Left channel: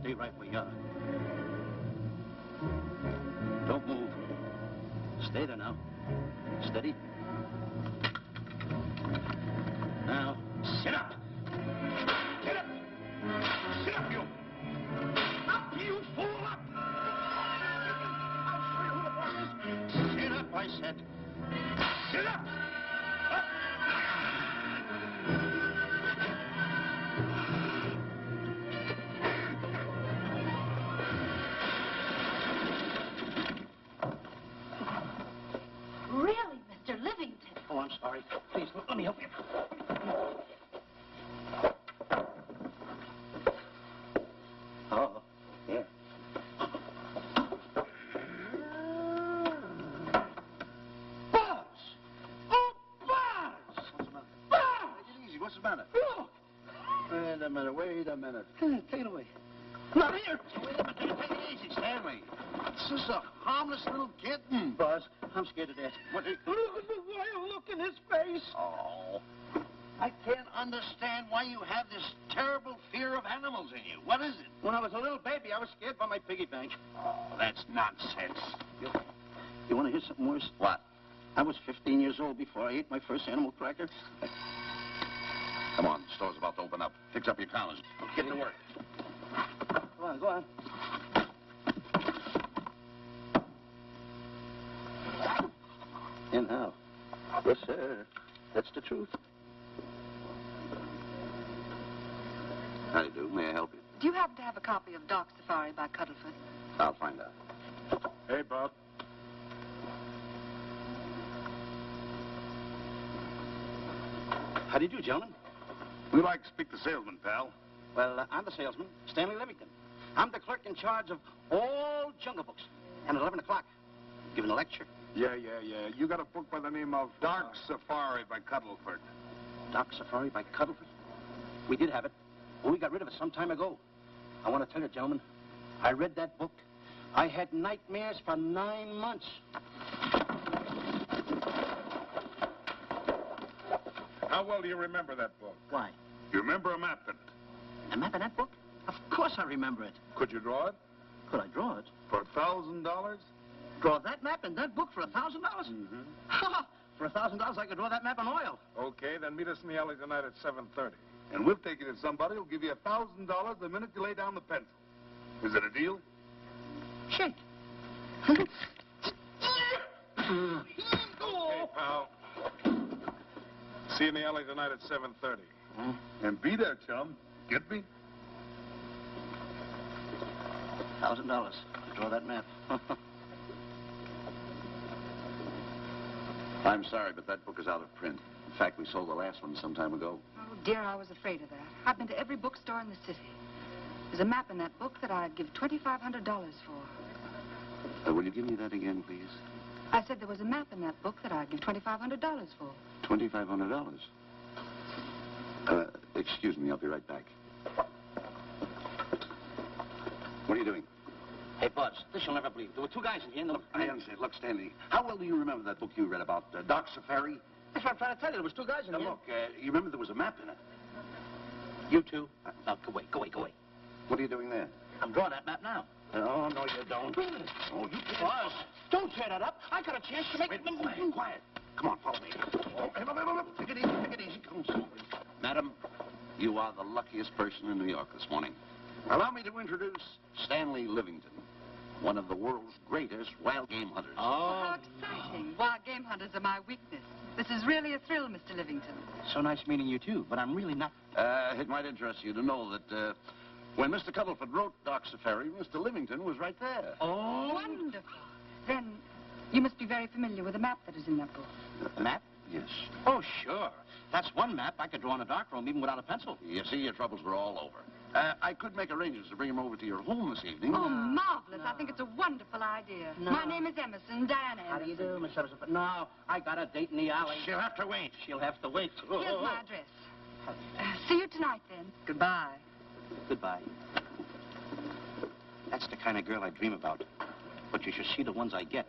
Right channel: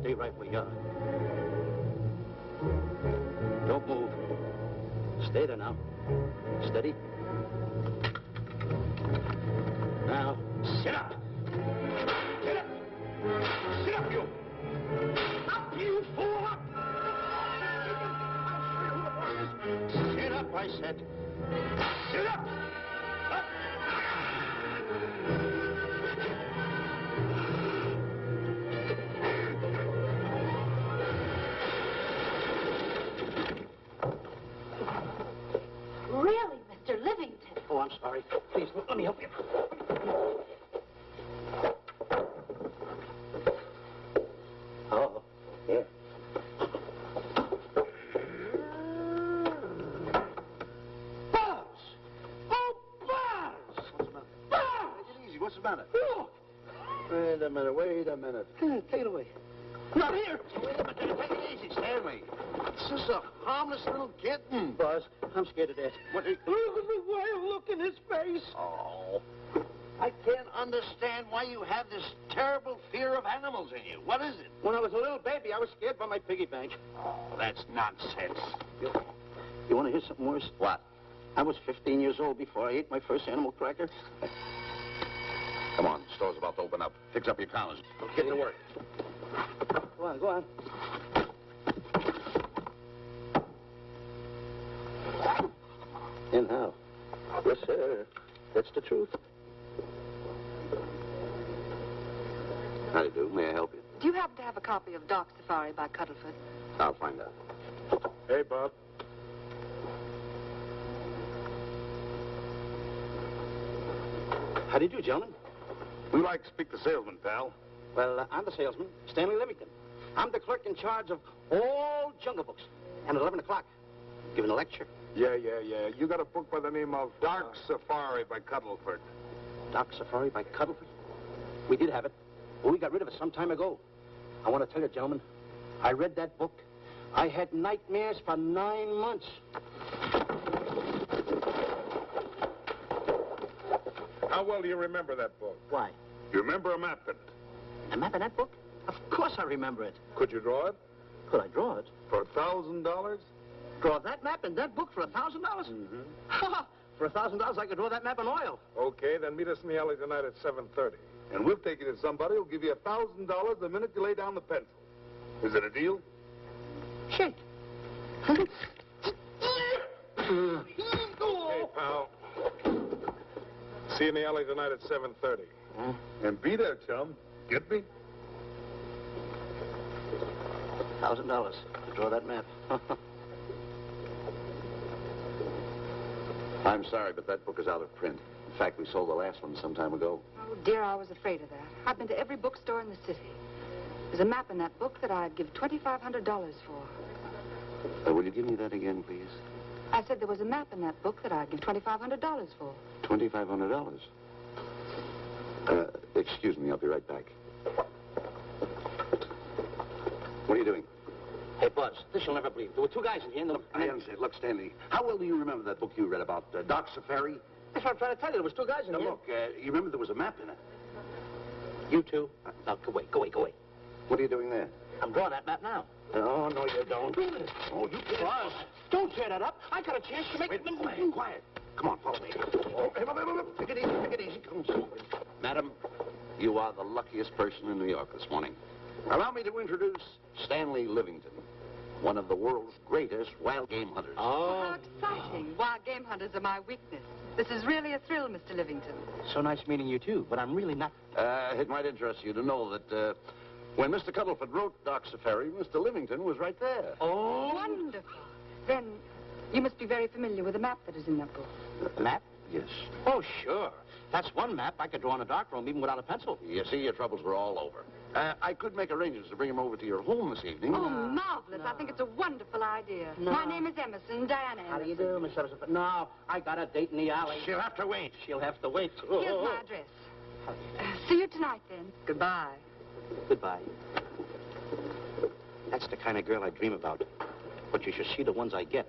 Stay right where you are. Don't move. Stay there now. Steady. Now, sit up. Sit up. Sit up, you. Up, you fool, up. Sit up, I said. Sit up. Up. Really, Mr. Livington? Oh, I'm sorry. Please, let me help you. Oh, here. Buzz! Oh, Buzz! What's the matter? Buzz! Take it easy. What's the matter? Look! Wait a minute. Take it away. Not here! Wait a minute. Take it easy, Stanley. It's just a harmless little kitten. Buzz, I'm scared to death. Look at the wild look in his face. Oh. I can't understand why you have this terrible fear of animals in you. What is it? When I was a little baby, I was scared by my piggy bank. Oh, that's nonsense. You want to hear something worse? What? I was 15 years old before I ate my first animal cracker. Come on, the store's about to open up. Fix up your counters. Get to work. Go on. In how? Yes, sir. That's the truth. How do you do? May I help you? Do you happen to have a copy of Dark Safari by Cuddlefoot? I'll find out. Hey, Bob. How do you do, gentlemen? We like to speak to salesman, pal. Well, I'm the salesman, Stanley Livington. I'm the clerk in charge of all Jungle Books. And at 11 o'clock, giving a lecture. Yeah. You got a book by the name of Dark Safari by Cuddlefoot. Dark Safari by Cuddlefoot? We did have it, but we got rid of it some time ago. I want to tell you, gentlemen, I read that book. I had nightmares for 9 months. How well do you remember that book? Why? You remember a map in it? A map in that book? Of course I remember it. Could you draw it? Could I draw it? For $1,000? Draw that map in that book for $1,000? Mm-hmm. For $1,000, I could draw that map in oil. Okay, then meet us in the alley tonight at 7:30. And we'll take you to somebody who'll give you $1,000 the minute you lay down the pencil. Is it a deal? Shake. Okay, pal. See you in the alley tonight at 7:30. And be there, chum. Get me? $1,000 to draw that map. I'm sorry, but that book is out of print. In fact, we sold the last one some time ago. Oh, dear, I was afraid of that. I've been to every bookstore in the city. There's a map in that book that I'd give $2,500 for. Will you give me that again, please? I said there was a map in that book that I'd give $2,500 for. $2,500. Excuse me, I'll be right back. What are you doing? Hey, Buzz, this you'll never believe. There were two guys in here. And I understand. Look, Stanley, how well do you remember that book you read about Dark Safari? That's what I'm trying to tell you. There was two guys in Now, here. look, you remember there was a map in it. You two. Now, go away, go away, go away. What are you doing there? I'm drawing that map now. Oh, no, you don't. Oh, you can't. Boss, don't tear that up. I got a chance to make... Wait, quiet. Come on, follow me. Oh, take it easy, take it easy. Come on. Madam, you are the luckiest person in New York this morning. Allow me to introduce Stanley Livington, one of the world's greatest wild game hunters. Oh, how exciting. Wild game hunters are my weakness. This is really a thrill, Mr. Livington. So nice meeting you, too, but I'm really not... It might interest you to know that when Mr. Cuddleford wrote Doc Safari, Mr. Livington was right there. Oh. Wonderful. Then you must be very familiar with the map that is in that book. The map? Yes. Oh, sure. That's one map I could draw in a darkroom even without a pencil. You see, your troubles were all over. I could make arrangements to bring him over to your home this evening. Oh, marvelous. I think it's a wonderful idea. No. My name is Emerson, Diana Emerson. How do you do, Miss Emerson? No, I got a date in the alley. She'll have to wait. She'll have to wait. Here's my address. See you tonight, then. Goodbye. Goodbye. That's the kind of girl I dream about. But you should see the ones I get.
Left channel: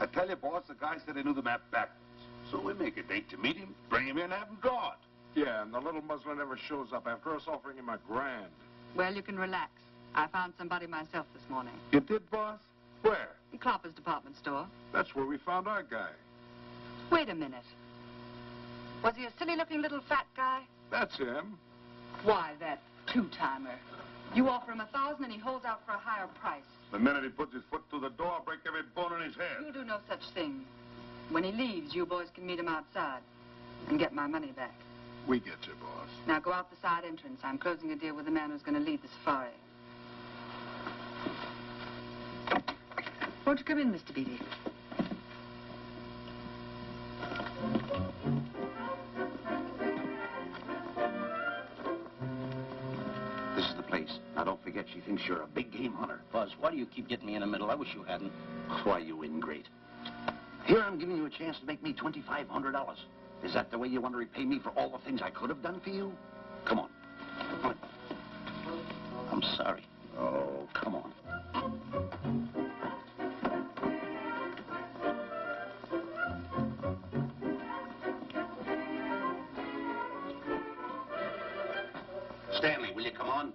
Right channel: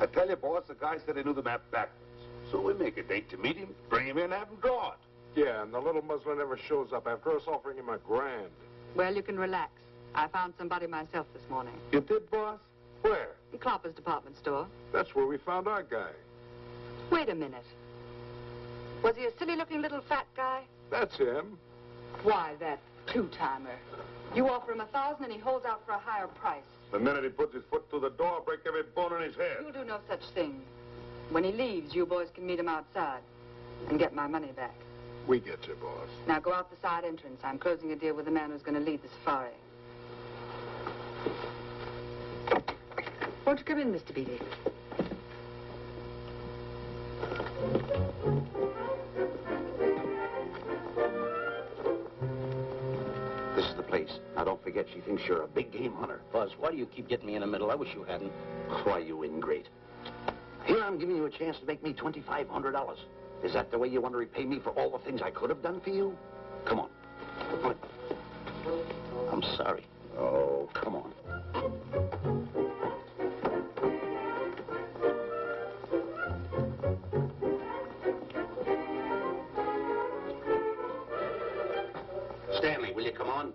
I tell you, boss, the guy said he knew the map backwards. So we make a date to meet him, bring him in, have him draw it. Yeah, and the little muzzler never shows up after us offering him $1,000. Well, you can relax. I found somebody myself this morning. You did, boss? Where? The Clopper's department store. That's where we found our guy. Wait a minute. Was he a silly-looking little fat guy? That's him. Why, that two-timer. You offer him $1,000 and he holds out for a higher price. The minute he puts his foot through the door, I'll break every bone in his head. You'll do no such thing. When he leaves, you boys can meet him outside and get my money back. We get you, boss. Now go out the side entrance. I'm closing a deal with the man who's going to lead the safari. Won't you come in, Mr. Beatty? This is the place. Now, don't forget, she thinks you're a big game hunter. Buzz, why do you keep getting me in the middle? I wish you hadn't. Why, you ingrate. Here I'm giving you a chance to make me $2,500. Is that the way you want to repay me for all the things I could have done for you? Come on. I'm sorry. Oh, come on. Stanley, will you come on?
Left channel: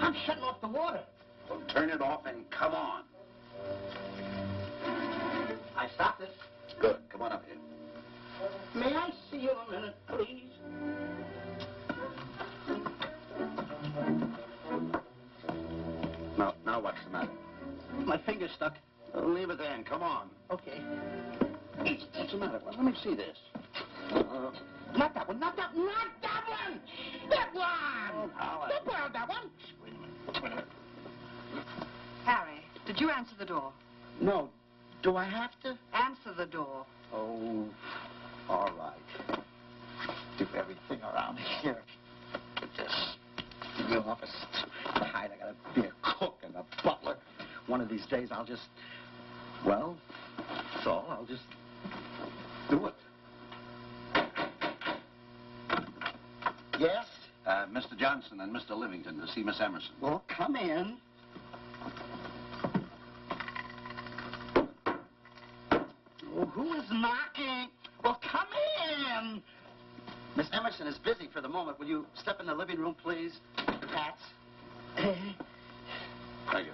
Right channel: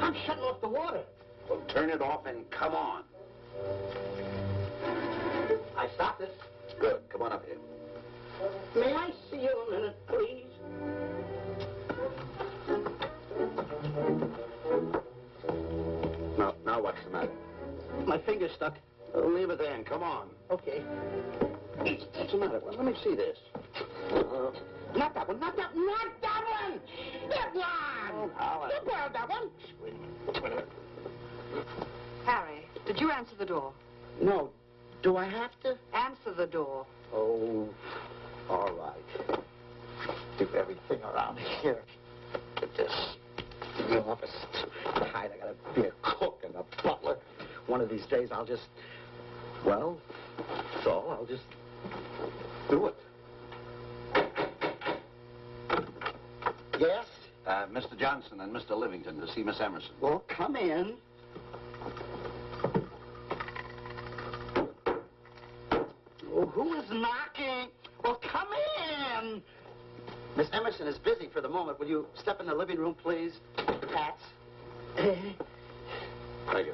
I'm shutting off the water. Well, turn it off and come on. I stopped it. Good. Come on up here. May I see you a minute, please? Now what's the matter? My finger's stuck. Leave it then. Come on. Okay. What's the matter? Let me see this. Not that one, not that one, not that one! That one! Now, That one, that one! Wait a minute. Harry, did you answer the door? No. Do I have to? Answer the door. Oh, all right. Do everything around here. Just in the office. Tight. I gotta be a cook and a butler. One of these days I'll just, well, that's all. I'll just do it. Yes? Mr. Johnson and Mr. Livington to see Miss Emerson. Well, come in. Oh, who is knocking? Well, come in. Miss Emerson is busy for the moment. Will you step in the living room, please? Hats. Thank you.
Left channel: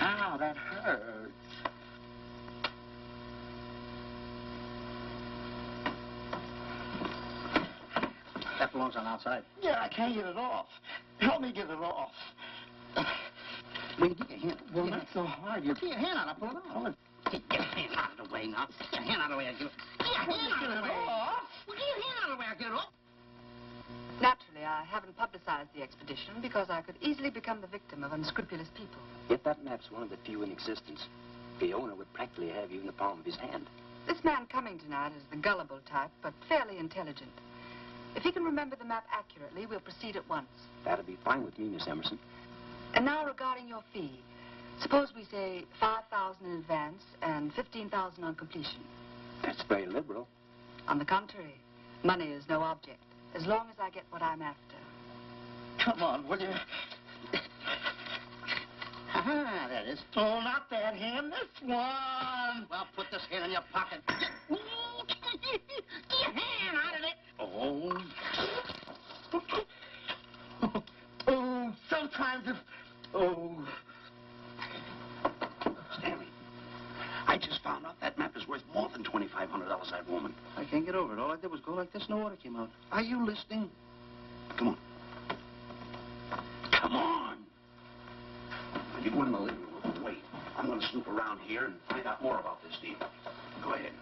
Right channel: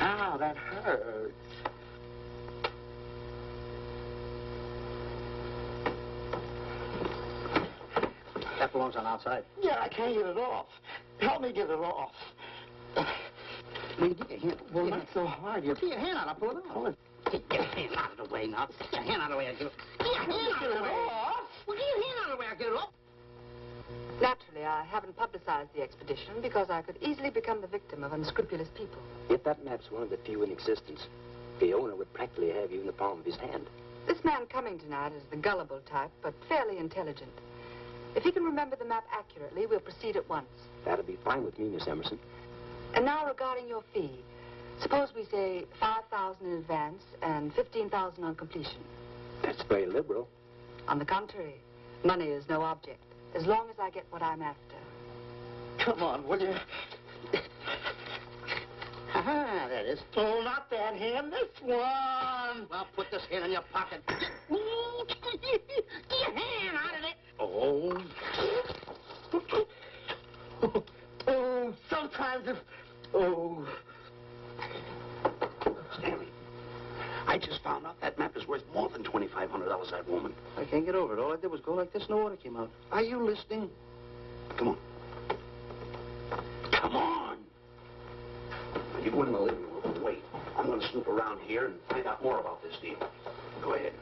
Ow, that hurts. That belongs on outside. Yeah, I can't get it off. Help me get it off. Will you get your hand? Well, not so hard. You get your hand out. I'll pull it out. Get your hand out of the way now. Get your hand out of the way. Get your hand out of the way. Well, get your hand out of the way. I'll get it off. Naturally, I haven't publicized the expedition because I could easily become the victim of unscrupulous people. If that map's one of the few in existence, the owner would practically have you in the palm of his hand. This man coming tonight is the gullible type, but fairly intelligent. If he can remember the map accurately, we'll proceed at once. That'll be fine with me, Miss Emerson. And now regarding your fee. Suppose we say 5,000 in advance and 15,000 on completion. That's very liberal. On the contrary, money is no object, as long as I get what I'm after. Come on, will you? Ah, that is. Oh, not that hand, this one. Well, put this hand in your pocket. Get your hand out of it. Oh. Oh, sometimes if... Oh. Stanley, I just found out that map is worth more than $2,500, that woman. I can't get over it. All I did was go like this and the water came out. Are you listening? Come on. Come on. You go in the living room and wait. I'm going to snoop around here and find out more about this deal. Go ahead.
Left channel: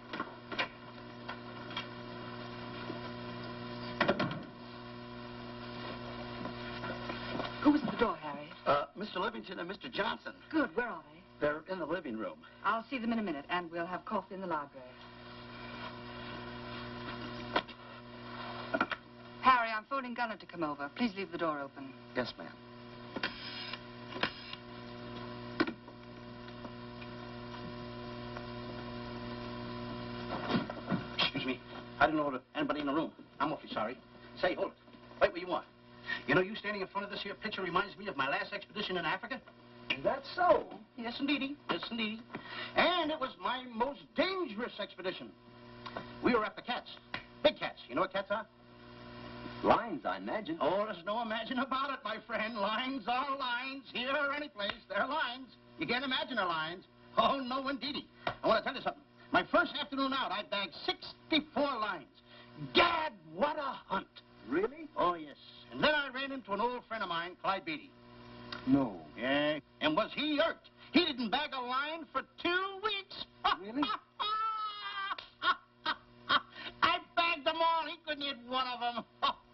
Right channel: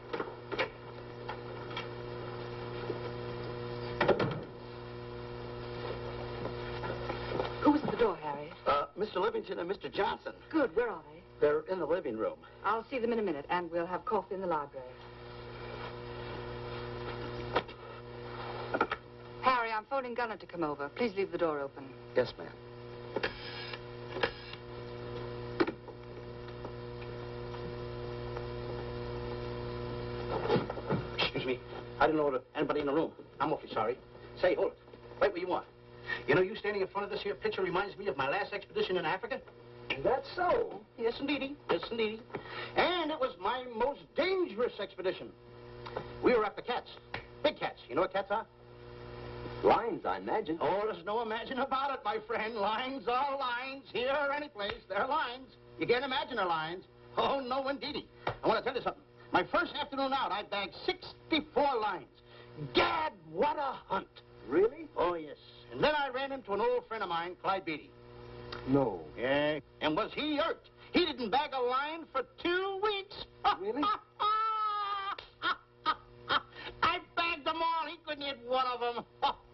Who was at the door, Harry? Mr. Livington and Mr. Johnson. Good. Where are they? They're in the living room. I'll see them in a minute, and we'll have coffee in the library. Harry, I'm phoning Gunner to come over. Please leave the door open. Yes, ma'am. Excuse me. I didn't know anybody in the room. I'm awfully sorry. Say, hold it. Wait where you want. You know, you standing in front of this here picture reminds me of my last expedition in Africa. That's so. Yes, indeedy. Yes, indeedy. And it was my most dangerous expedition. We were after cats. Big cats. You know what cats are? Lions, I imagine. Oh, there's no imagine about it, my friend. Lions are lions. Here or any place, they're lions. You can't imagine they're lions. Oh, no, indeedy. I want to tell you something. My first afternoon out, I bagged 64 lions. Gad, what a hunt. Really? Oh, yes. And then I ran into an old friend of mine, Clyde Beatty. No. Yeah. And was he irked? He didn't bag a lion for 2 weeks. Really? I bagged them all. He couldn't hit one of them.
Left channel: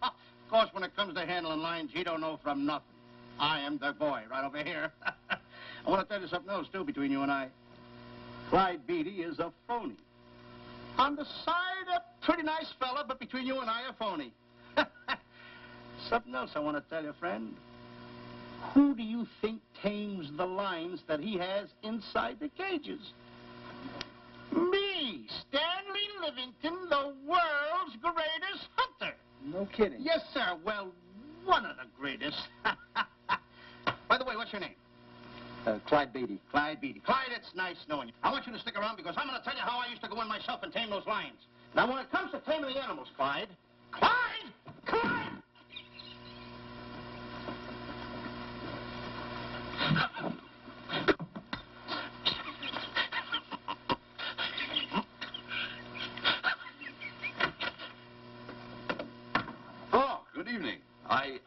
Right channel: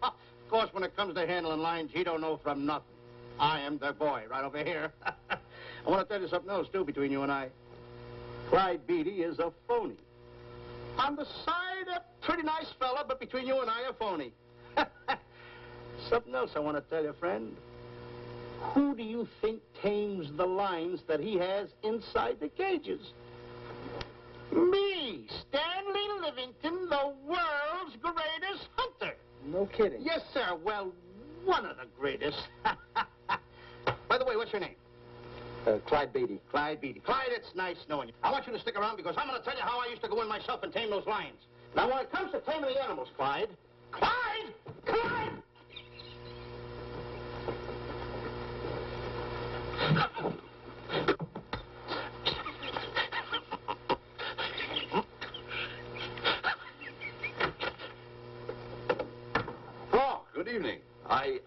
Of course, when it comes to handling lions, he don't know from nothing. I am the boy right over here. I want to tell you something else, too, between you and I. Clyde Beatty is a phony. On the side, a pretty nice fella, but between you and I, a phony. Something else I want to tell you, friend. Who do you think tames the lions that he has inside the cages? Me, Stanley Livington, the world's greatest hunter. No kidding. Yes, sir. Well, one of the greatest. By the way, what's your name? Clyde Beatty. Clyde Beatty. Clyde, it's nice knowing you. I want you to stick around because I'm going to tell you how I used to go in myself and tame those lions. Now, when it comes to taming the animals, Clyde... Clyde! Clyde! Oh, good evening.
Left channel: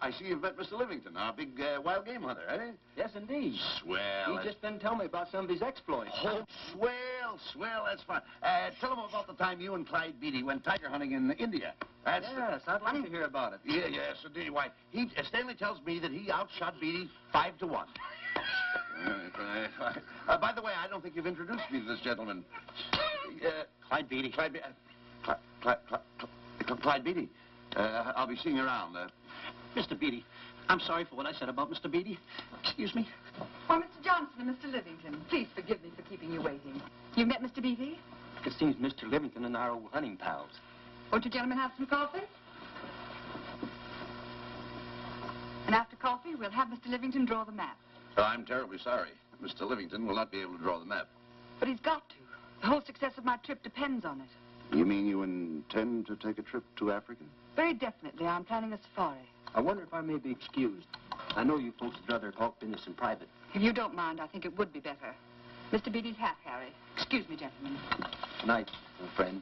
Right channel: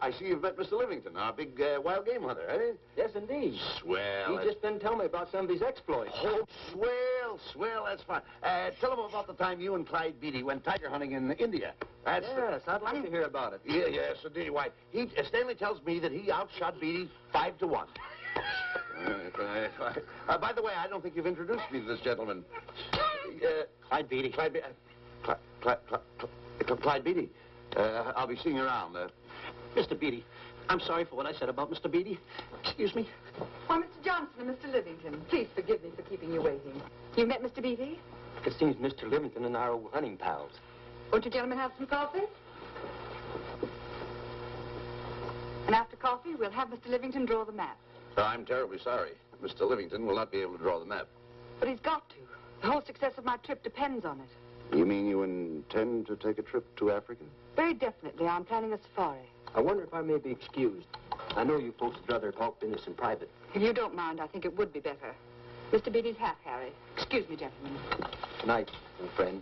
I see you've met Mr. Livington, our big wild game hunter, eh? Yes, indeed. Swell. He just didn't tell me about some of his exploits. Oh, swell, that's fine. Tell him about the time you and Clyde Beatty went tiger hunting in India. That's Yes, I'd like to hear about it. Yes, indeed. Why, Stanley tells me that he outshot Beatty 5 to 1. By the way, I don't think you've introduced me to this gentleman. Clyde Beatty. Clyde Beatty. I'll be seeing you around. Mr. Beatty, I'm sorry for what I said about Mr. Beatty. Excuse me. Why, Mr. Johnson and Mr. Livington, please forgive me for keeping you waiting. You met Mr. Beatty? It seems Mr. Livington and I are old hunting pals. Won't you gentlemen have some coffee? And after coffee, we'll have Mr. Livington draw the map. I'm terribly sorry. Mr. Livington will not be able to draw the map. But he's got to. The whole success of my trip depends on it. You mean you intend to take a trip to Africa? Very definitely. I'm planning a safari. I wonder if I may be excused. I know you folks would rather talk business in private. If you don't mind, I think it would be better. Mr. Beatty's hat, Harry. Excuse me, gentlemen. Good night, old friend.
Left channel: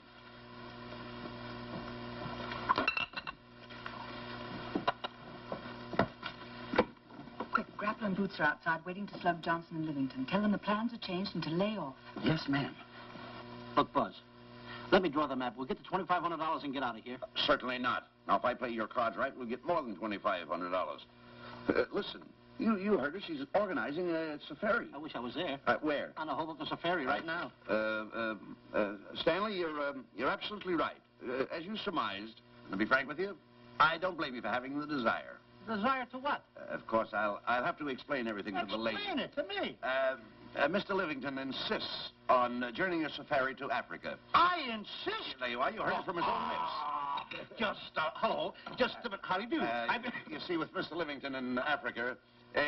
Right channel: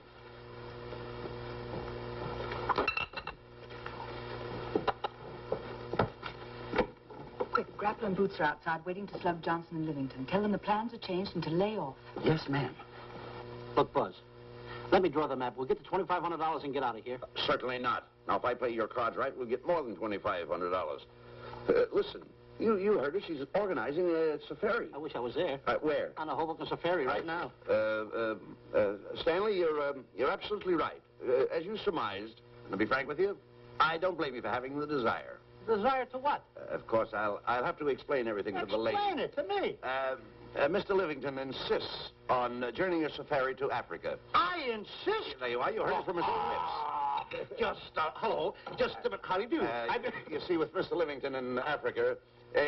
Quick, Grapple and Boots are outside waiting to slug Johnson and Livington. Tell them the plans are changed and to lay off. Yes, ma'am. Look, Buzz, let me draw the map. We'll get the $2,500 and get out of here. Certainly not. Now, if I play your cards right, we'll get more than $2,500. Listen, you heard her. She's organizing a safari. I wish I was there. Where? On a Hoboken safari right now. Stanley, you're absolutely right. As you surmised, to be frank with you, I don't blame you for having the desire. Desire to what? Of course, I'll have to explain everything to the lady. Explain it to me. Mr. Livington insists on journeying a safari to Africa. I insist. There you are. You heard it from his own lips. Hello. Just a minute. How do you do? You see, with Mr. Livington in Africa,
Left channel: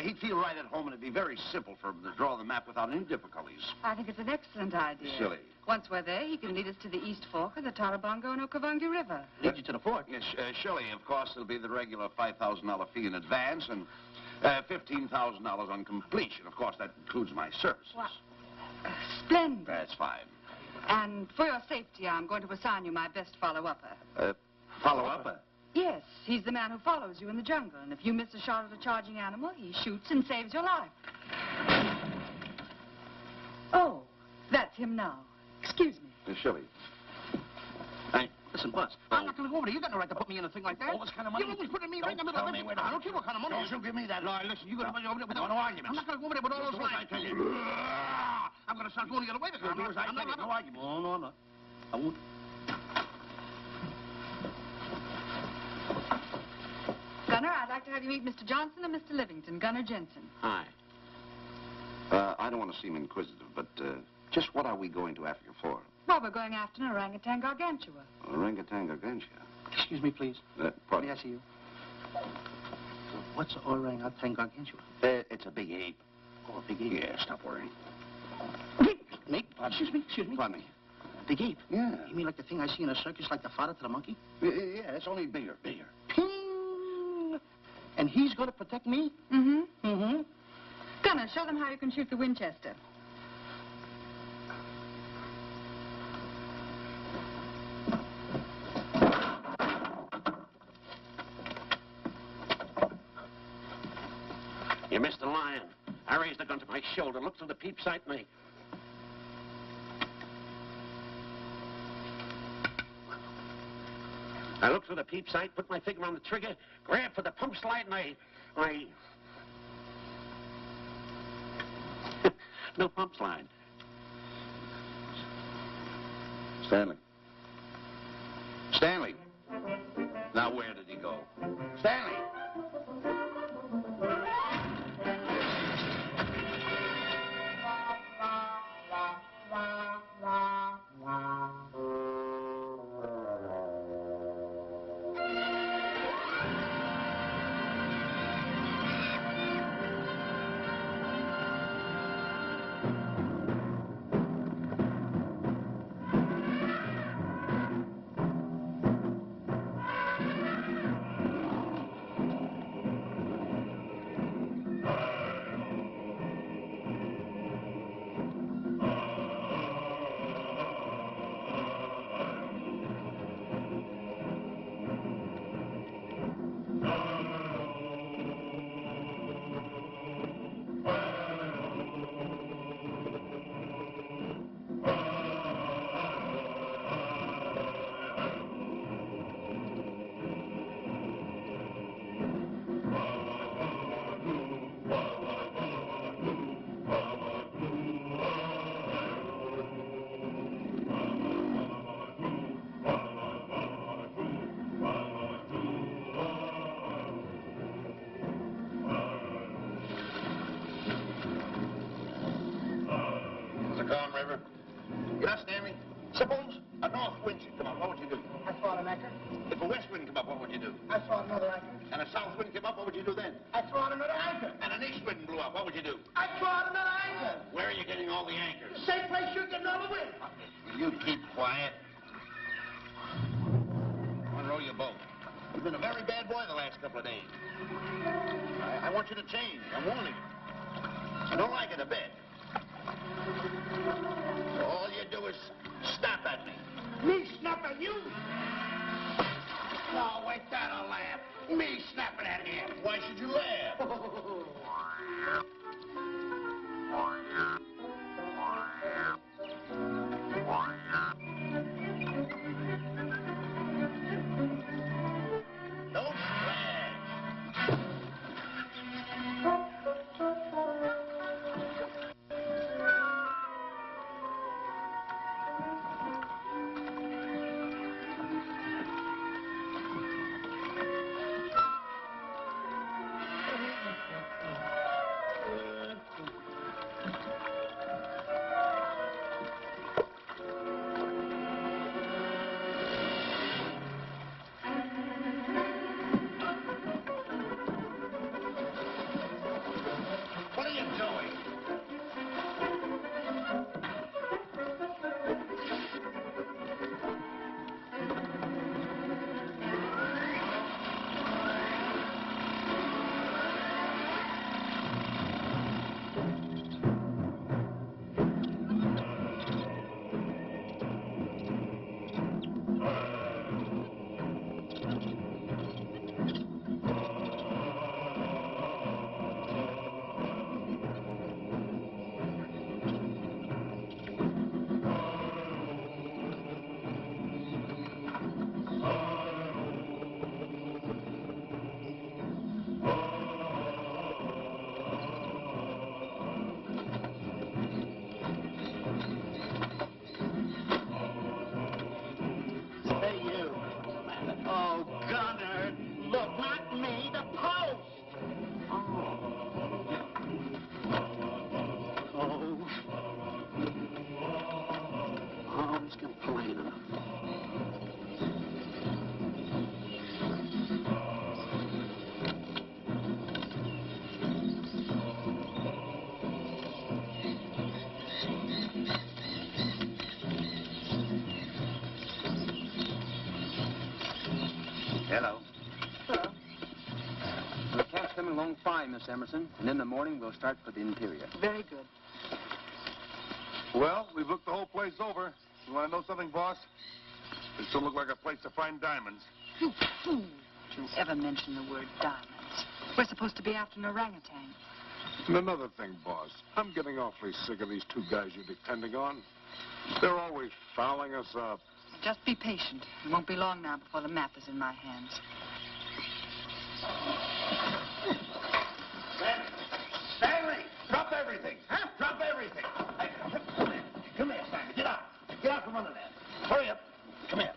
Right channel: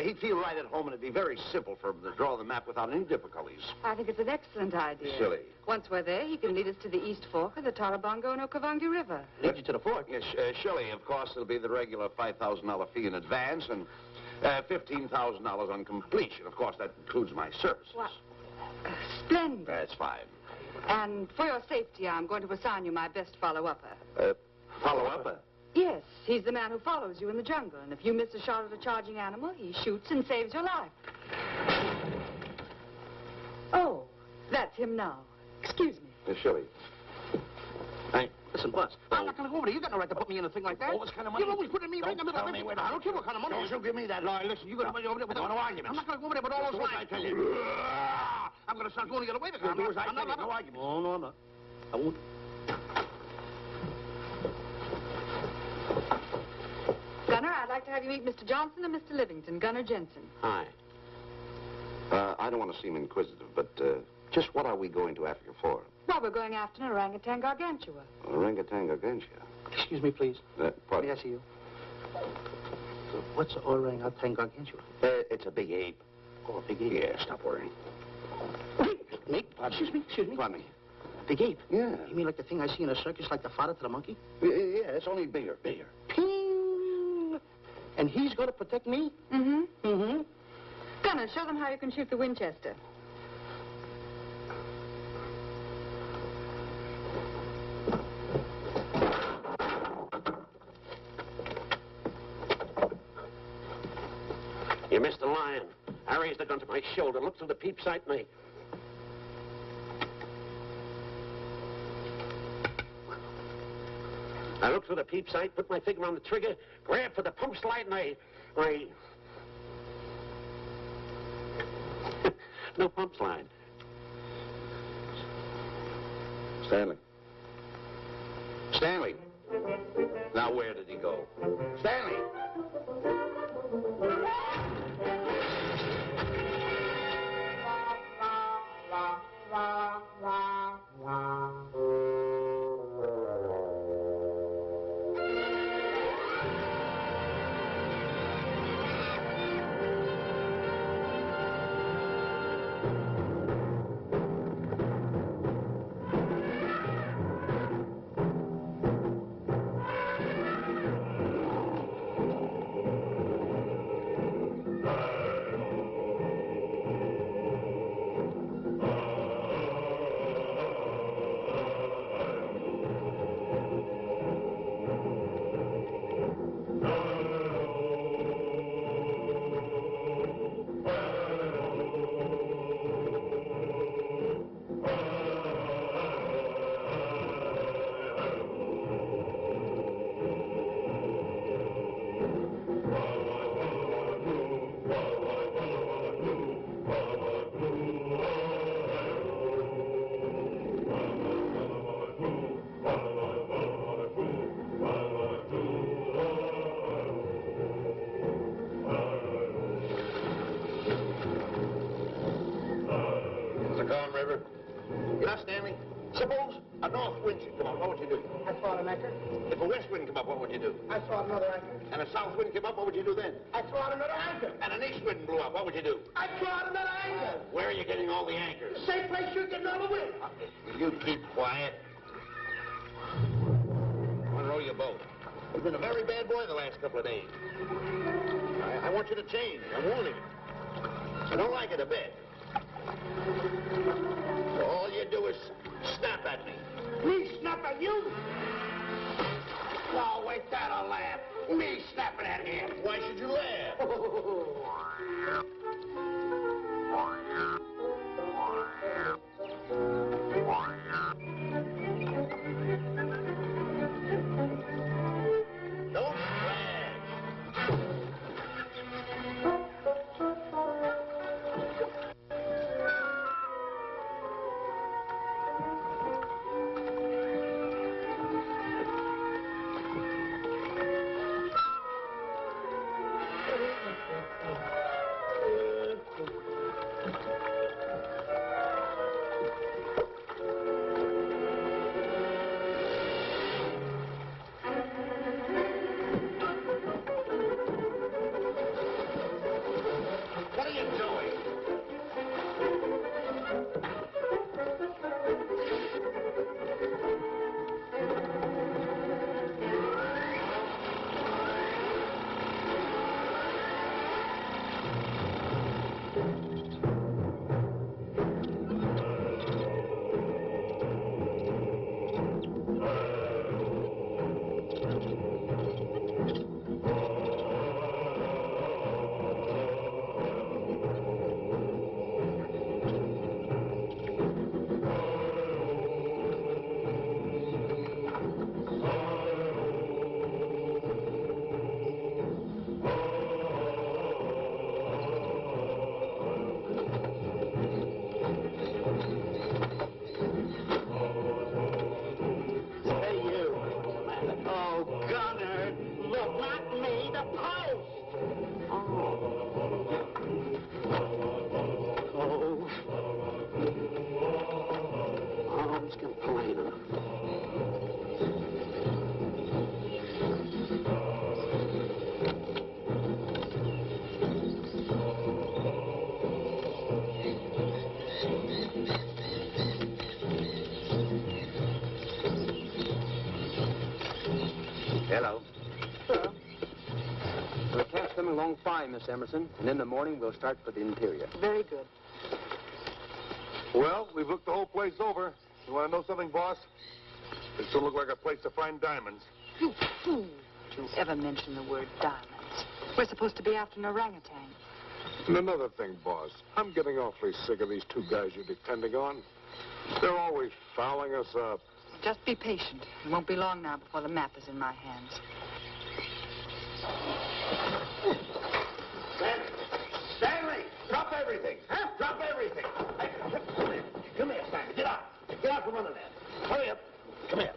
he'd feel right at home, and it'd be very simple for him to draw the map without any difficulties. I think it's an excellent idea. Silly. Once we're there, he can lead us to the East Fork of the Tarabongo and Okavango River. Lead you to the fort. Yes, Shelley, of course, it'll be the regular $5,000 fee in advance and $15,000 on completion. Of course, that includes my services. What? Splendid. That's fine. And for your safety, I'm going to assign you my best follow-upper. Follow-up? Yes, he's the man who follows you in the jungle. And if you miss a shot at a charging animal, he shoots and saves your life. Oh, that's him now. Excuse me. Shelley. Listen, Buzz, I'm not going to go over there. You got no right to put me in a thing like that. What kind of money? You're always putting me right in the middle of it. I don't care what kind of money. Don't you give me that. No, listen, you're going to put me over there with no arguments. I'm not going to go over there with all those lines. I tell you. I'm going to start going the other way. You'll do as I tell you. No arguments. No, I'm not. I won't. Gunner, I'd like to have you meet Mr. Johnson and Mr. Livington, Gunner Jensen. Hi. I don't want to seem inquisitive, but just what are we going to Africa for? Well, we're going after an orangutan gargantua. Orangutan gargantua. Excuse me, please. Pardon? May I see you? What's orangutan gargantua? It's a big ape. Oh, a big ape. Yeah, stop worrying. Me? Excuse me. Pardon me. Big ape? Yeah. You mean like the thing I see in a circus, like the father to the monkey? Yeah, it's only bigger. Ping! And he's going to protect me? Mm-hmm. Mm-hmm. Gunner, show them how you can shoot the Winchester. You missed the lion. I raised the gun to my shoulder, looked through the peep sight, and I looked through the peep sight, put my finger on the trigger, grabbed for the pump slide, and I... No pump slide. Stanley. Now, where did he go? Stanley! You know, Stanley, suppose a north wind should come up, what would you do? I saw an anchor. If a west wind come up, what would you do? I saw another anchor. And a south wind came up, what would you do then? I saw another anchor. And an east wind blew up, what would you do? I saw another anchor. Where are you getting all the anchors? Same place you're getting all the wind. You keep quiet. Unroll your boat. You've been a very bad boy the last couple of days. I want you to change. I'm warning you. I don't like it a bit. So all you do is snap at me. Me snap at you? Oh, wait, that'll laugh. Me snapping at him. Why should you laugh? Don't brag. one's complaining. Hello. We'll catch them along fine, Miss Emerson, and in the morning we'll start for the interior. Very good. Well, we've looked the whole place over. You want to know something, boss? This don't look like a place to find diamonds. You fool. Don't you ever mention the word diamonds. We're supposed to be after an orangutan. And another thing, boss, I'm getting awfully sick of these two guys you're depending on. They're always fouling us up. Just be patient. It won't be long now before the map is in my hands. Stanley! Drop everything! Huh? Drop everything! Hey, come here. Come here, Stanley. Get out. Get out from under there. Hurry up. Come here.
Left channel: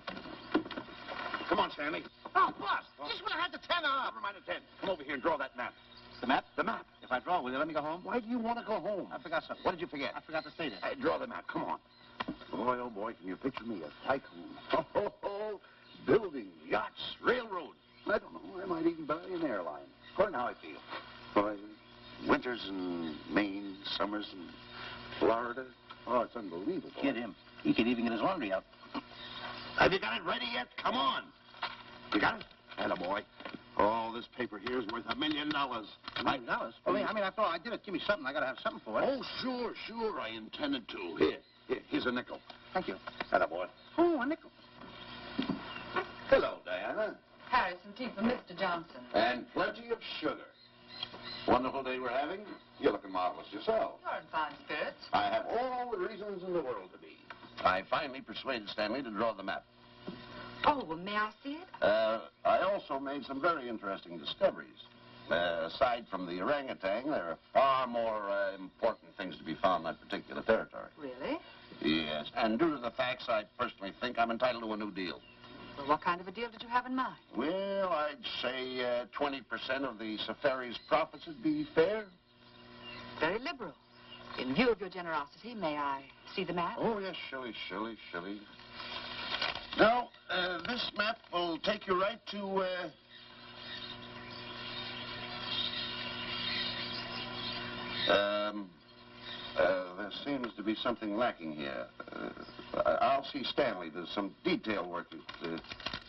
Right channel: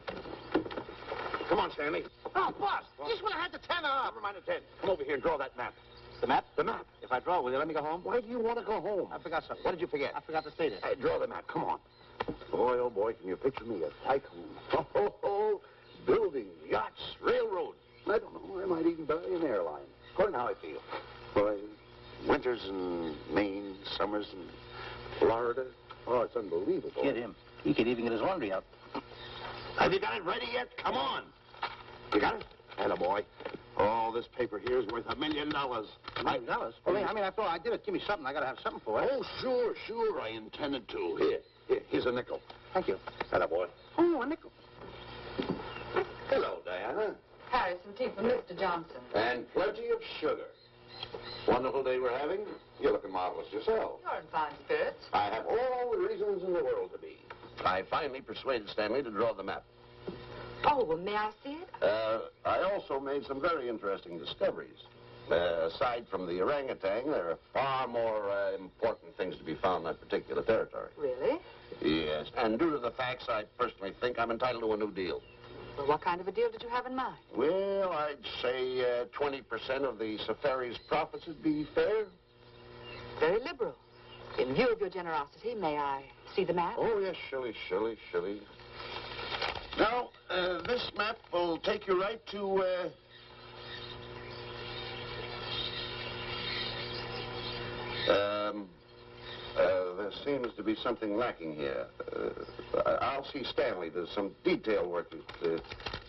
Come on, Stanley. Oh, boss, just when I had the 10 off. Never mind the 10. Come over here and draw that map. The map? The map. If I draw, will you let me go home? Why do you want to go home? I forgot something. What did you forget? I forgot to say this. Hey, draw the map. Come on. Boy, oh, boy, can you picture me a tycoon? Oh, building yachts, railroads. I don't know. I might even buy an airline. According to how I feel. Boy, winters in Maine, summers in Florida. Oh, it's unbelievable. Get him. He could even get his laundry out. Have you got it ready yet? Come on. You got it? Attaboy. Oh, this paper here is worth $1 million. $1 million? Well, I mean, after all I did it, give me something. I got to have something for it. Oh, sure. I intended to. Here's a nickel. Thank you. Attaboy. Oh, a nickel. Hello, Diana. Harry, some tea for Mr. Johnson. And plenty of sugar. Wonderful day we're having. You're looking marvelous yourself. You're in fine spirits. I have all the reasons in the world to be. I finally persuaded Stanley to draw the map. Oh, well, may I see it? I also made some very interesting discoveries. Aside from the orangutan, there are far more important things to be found in that particular territory. Really? Yes, and due to the facts, I personally think I'm entitled to a new deal. Well, what kind of a deal did you have in mind? Well, I'd say 20% of the safari's profits would be fair. Very liberal. In view of your generosity, may I see the map? Oh, yes, Shilly. Now, this map will take you right to, there seems to be something lacking here. I'll see Stanley. There's some detail work.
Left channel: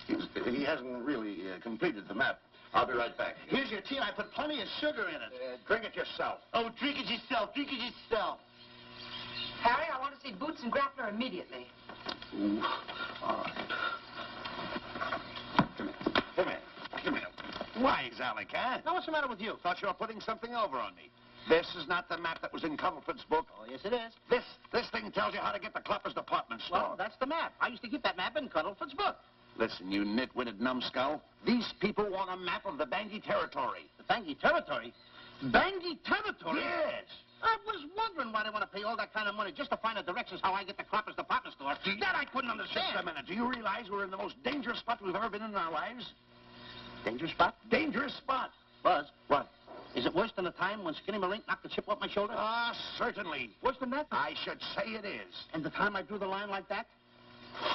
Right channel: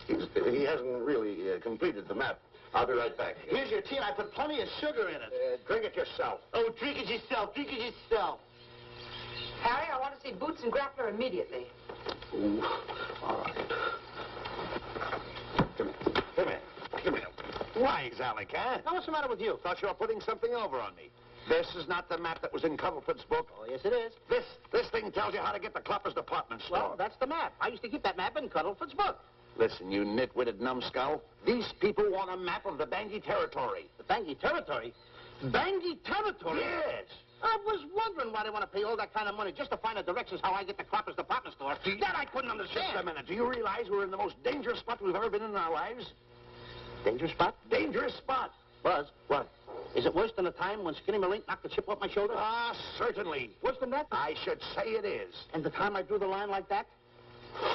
He hasn't really completed the map. I'll be right back. Here's your tea, and I put plenty of sugar in it. Drink it yourself. Oh, drink it yourself. Harry, I want to see Boots and Grappler immediately. Ooh, all right. Come here. Why, Zalek, huh? Now, what's the matter with you? Thought you were putting something over on me. This is not the map that was in Cuddlefoot's book. Oh, yes, it is. This thing tells you how to get to Cloppers department store. Well, that's the map. I used to keep that map in Cuddlefoot's book. Listen, you nitwitted numbskull. These people want a map of the Bangui territory. The Bangui territory? Bangui territory? Yes. I was wondering why they want to pay all that kind of money just to find the directions how I get to Cloppers department store. That I couldn't understand. Just a minute. Do you realize we're in the most dangerous spot we've ever been in our lives? Dangerous spot? Dangerous spot. Buzz. What? Is it worse than the time when Skinny Marink knocked the chip off my shoulder? Ah, certainly. Worse than that? I should say it is. And the time I drew the line like that?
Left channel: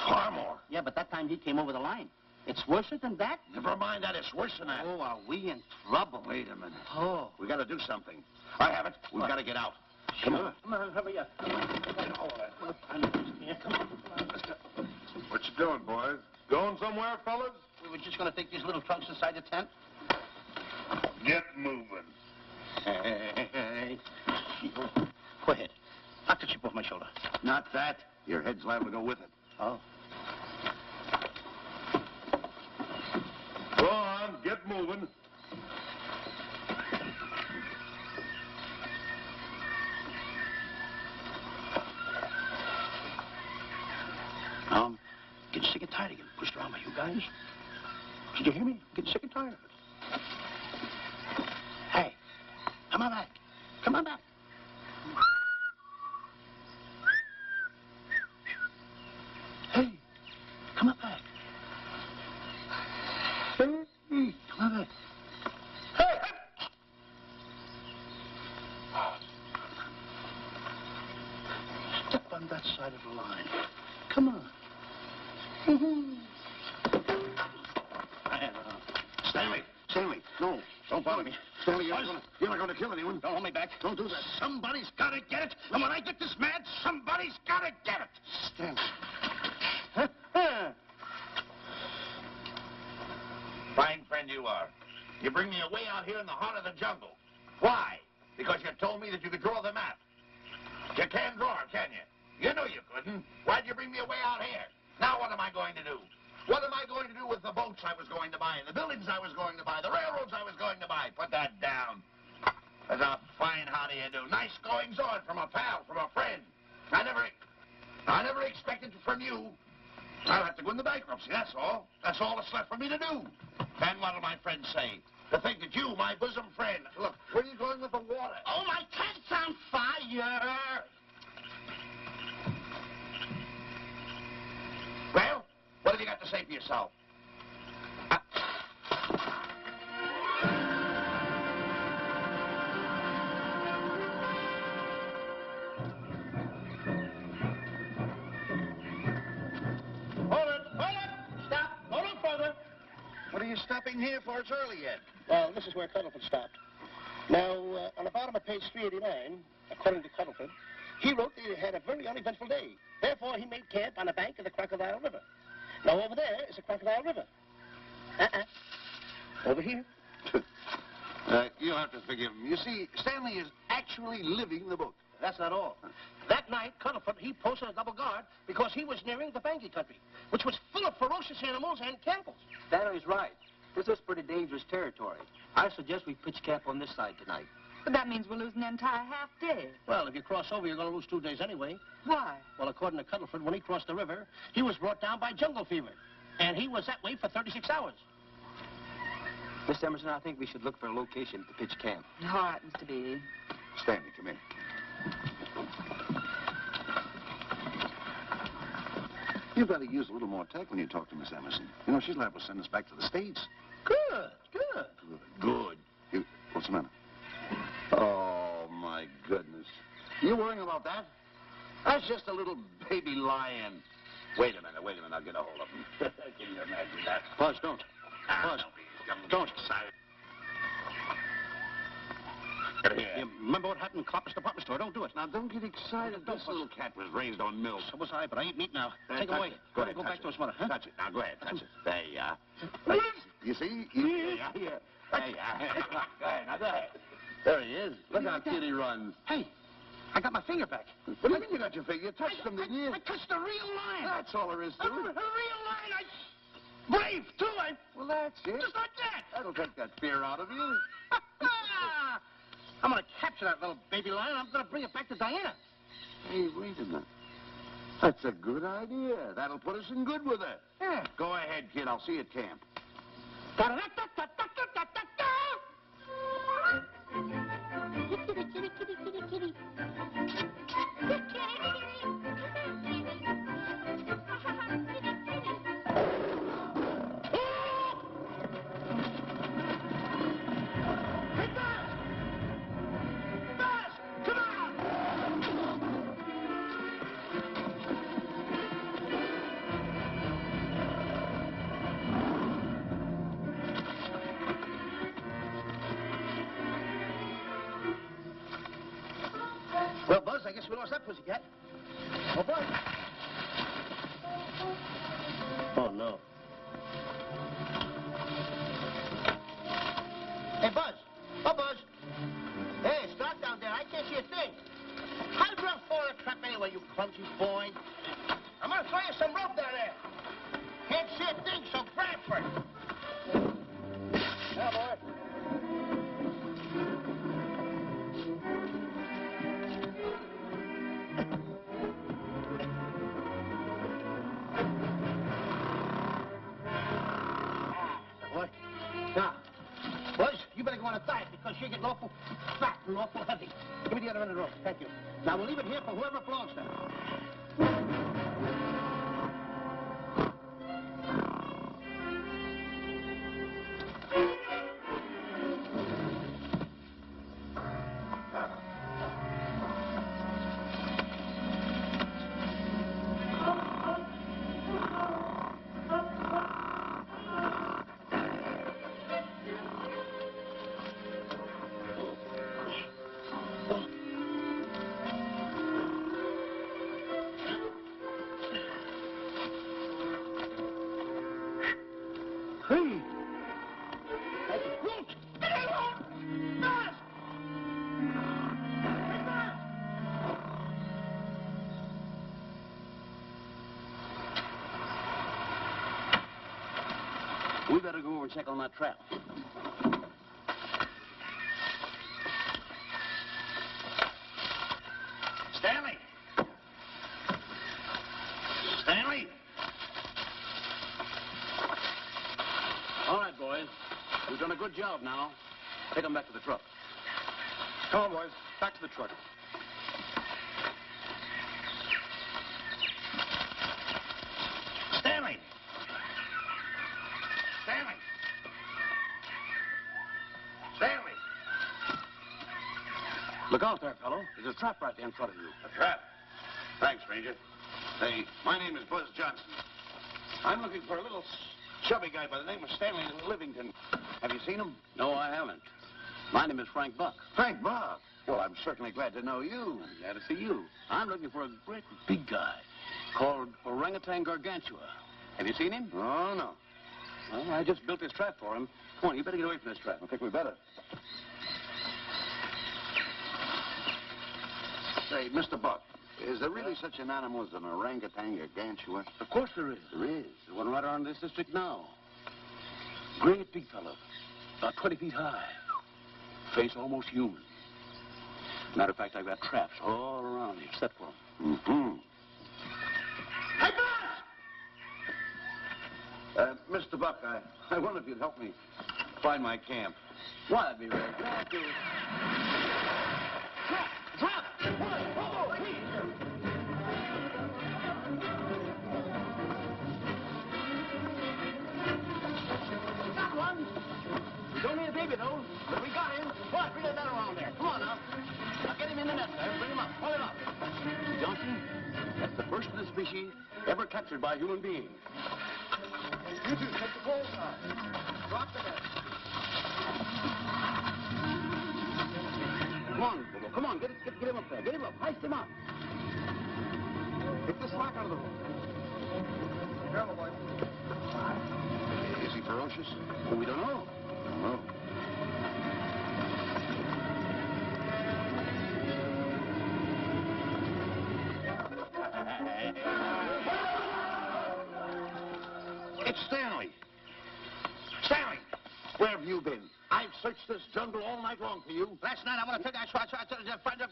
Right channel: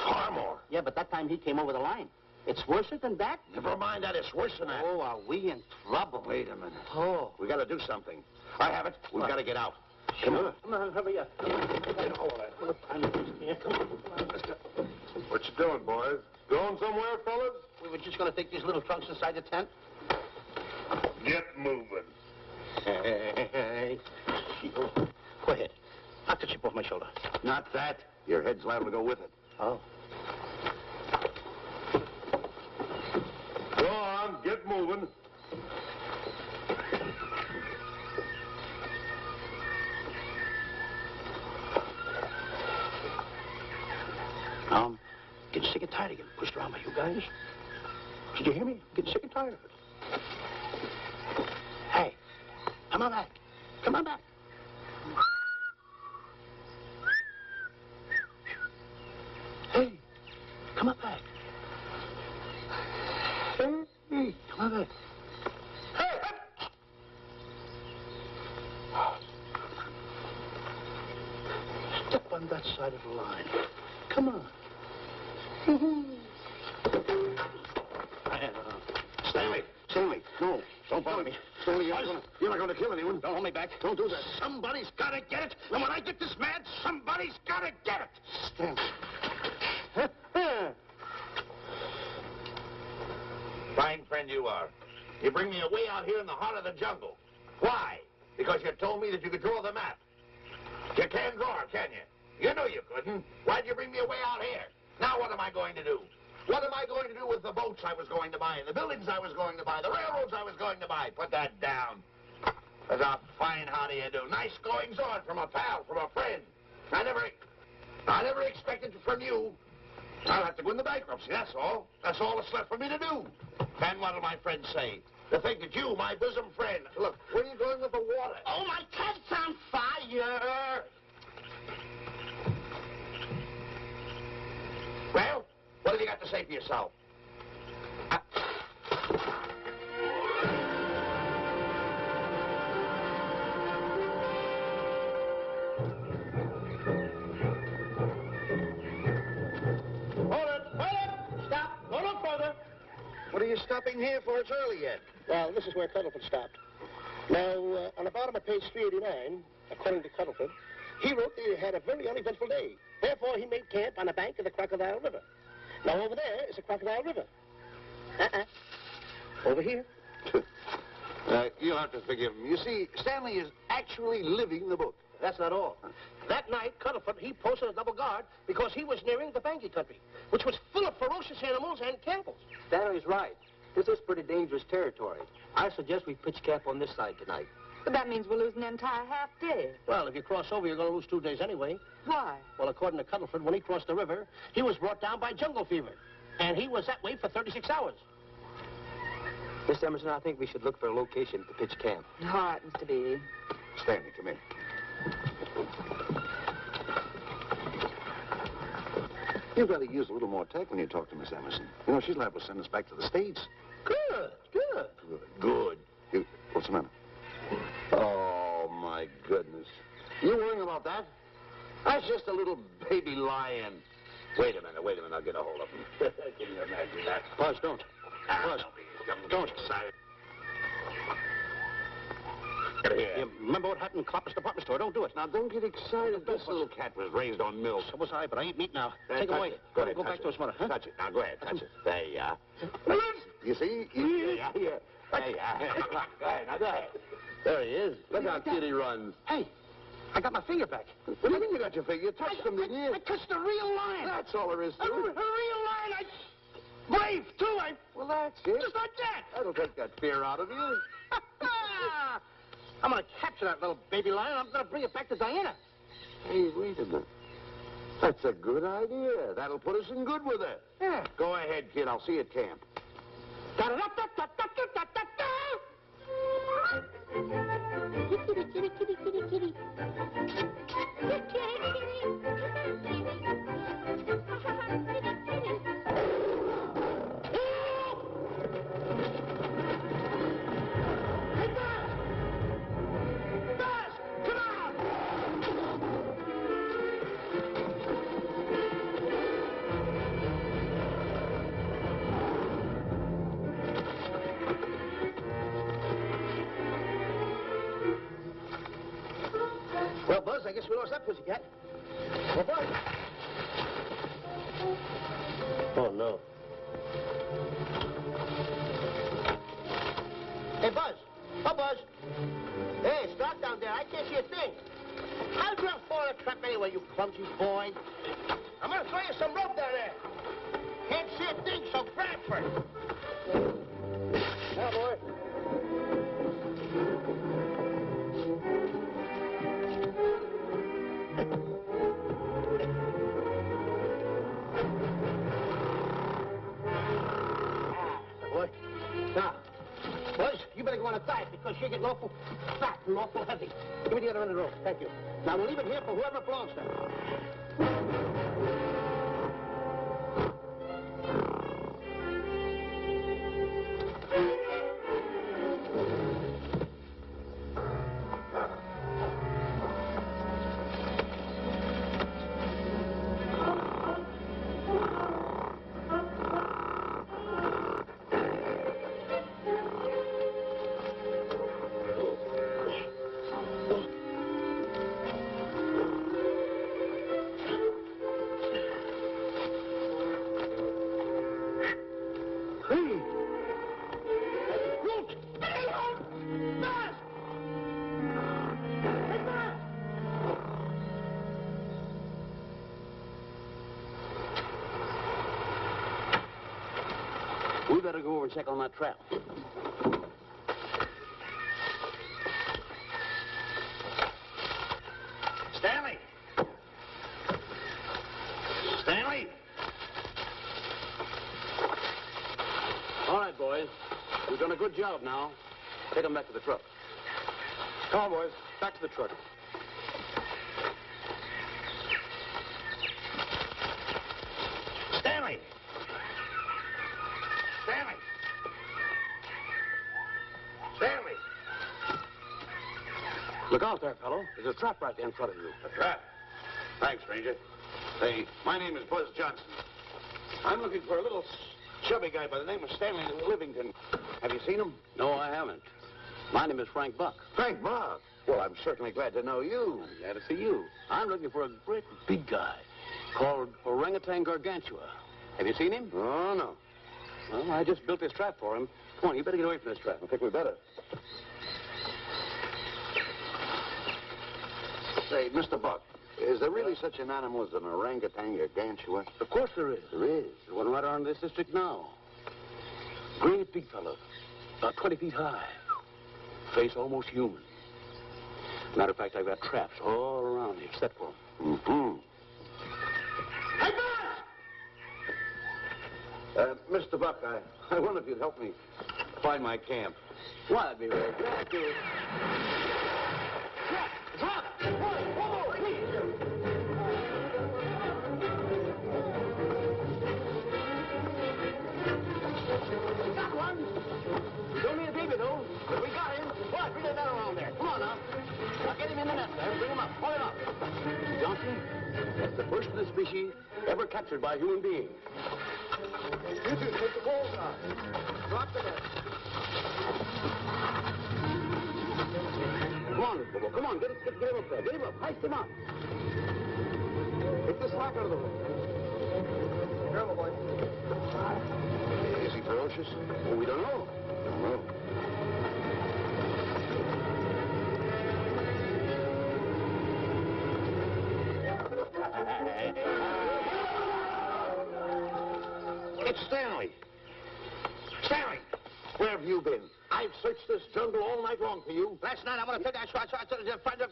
Far more. Yeah, but that time he came over the line. It's worse than that? Never mind that. It's worse than that. Oh, are we in trouble? Wait a minute. Oh. We got to do something. I have it. We've got to get out. Come on. Come on, hurry up. What time is it here? Come on. Let's go. What you doing, boys? Going somewhere, fellas? We were just going to take these little trunks inside the tent. Get moving. Hey. Go ahead. Knock the chip off my shoulder. Not that. Your head's liable to go with it. Oh. Go on, get moving. I'm getting sick and tired of getting pushed around by you guys. Did you hear me? Getting sick and tired of it. Hey, come on back. Come on back. Hey, come on back. Hey, come on back. Hey! Step on that side of the line. Come on. bother me. Stanley, you're not going to kill anyone. Don't hold me back. Don't do that. Somebody's got to get it. And when I get this mad, somebody's got to get it. Stanley. Fine friend you are. You bring me away out here in the heart of the jungle. Why? Because you told me that you could draw the map. You can't draw, can you? You knew you couldn't. Why'd you bring me away out here? Now what am I going to do? What am I going to do with the boats I was going to buy, the buildings I was going to buy, the railroads I was going to buy? Put that down. That's a fine how do you do. Nice goings on from a pal, from a friend. I never expected from you. I'll have to go into bankruptcy, that's all. That's all that's left for me to do. And what'll my friends say? To think that you, my bosom friend... Look, where are you going with the water? Oh, my cat's on fire. Well, what have you got to say for yourself? Hold it! Stop! Go no further. What are you stopping here for? It's early yet. Well, this is where Cuddlefoot stopped. Now, on the bottom of page 389, according to Cuddlefoot, he wrote that he had a very uneventful day. Therefore, he made camp on the bank of the Crocodile River. Now, over there is a Crocodile River. Over here. You'll have to forgive him. You see, Stanley is actually living the book. That's not all. That night, Cuddlefoot, he posted a double guard because he was nearing the Banky country, which was full of ferocious animals and cannibals. Stanley's right. This is pretty dangerous territory. I suggest we pitch camp on this side tonight. But that means we'll lose an entire half day. Well, if you cross over, you're going to lose 2 days anyway. Why? Well, according to Cuddlefoot, when he crossed the river, he was brought down by jungle fever. And he was that way for 36 hours. Miss Emerson, I think we should look for a location to pitch camp. All right, Mr. Beatty. Stanley, come in. You've got to use a little more tact when you talk to Miss Emerson. You know, she's liable to send us back to the States. Good. What's the matter? Oh, my goodness. You worrying about that? That's just a little baby lion. Wait a minute. I'll get a hold of him. Can you imagine that? Buzz, don't. Buzz, don't. Excited. Get here. You remember what happened in Copper's department store? Don't do it. Now, don't get excited. This little cat was raised on milk. So was I, but I eat meat now. Take him away. Go ahead. Go back to his mother, huh? Touch it. Now, go ahead. Touch it. There you are. You see? There you are. There you are. Go ahead. Now, go ahead. There he is. Look how cute he runs. Hey, I got my finger back. What do you mean you got your finger? You touched him, didn't you? I touched a real lion. That's all there is to A it. real lion. Brave, too. Well, that's it. Just like that. That'll take that fear out of you. I'm going to capture that little baby lion. I'm going to bring it back to Diana. Hey, wait a minute. That's a good idea. That'll put us in good with her. Yeah. Go ahead, kid. I'll see you at camp. Well, Buzz, I guess we lost that pussycat. Well, Buzz. Oh, no. Hey, Buzz. Oh, Buzz. Hey, stop down there. I can't see a thing. How'd you fall in a trap anyway, you clumsy boy? I'm going to throw you some rope down there. Can't see a thing, so grab for it. Now, boy. Boy. Now, boys, you better go on a diet because you're getting awful fat and awful heavy. Give me the other end of the rope. Thank you. Now, we'll leave it here for whoever belongs to it. We better go over and check on that trap. Stanley! Stanley! All right, boys. We've done a good job now. Take them back to the truck. Come on, boys. Back to the truck. Stanley! Stanley! Stanley! Look out there, fellow. There's a trap right there in front of you. A trap? Thanks, stranger. Hey, my name is Buzz Johnson. I'm looking for a little chubby guy by the name of Stanley Livington. Have you seen him? No, I haven't. My name is Frank Buck. Frank Buck. Well, I'm certainly glad to know you. Glad to see you. I'm looking for a great big guy called Orangutan Gargantua. Have you seen him? Oh, no. Well, I just built this trap for him. Come on, you better get away from this trap. I think we better. Say, Mr. Buck, is there really such an animal as an orangutan gargantua? Of course there is. There is. There's one right around this district now. Great big fellow. About 20 feet high. Face almost human. Matter of fact, I've got traps all around here set for him. Mm-hmm. Hey, Buzz! Mr. Buck, I wonder if you'd help me find my camp. Why, I'd be very glad to. Drop! Whoa, please! Got one. He's only a baby, though. But we got him. What? Bring that man around there. Come on, now. Now, get him in the net there. Bring him up. Pull him up. Johnson, that's the first of the species ever captured by a human being. You two, take the balls out. Drop the net. Come on, Mr. Bull. Come on. Get him up there. Get him up. Heist him up. Take the slack out of the room. Careful, boy. Is he ferocious? Oh, we don't know. No. It's Stanley. Stanley, where have you been? I've searched this jungle all night long for you. Last night, I want to take that shot to the friend of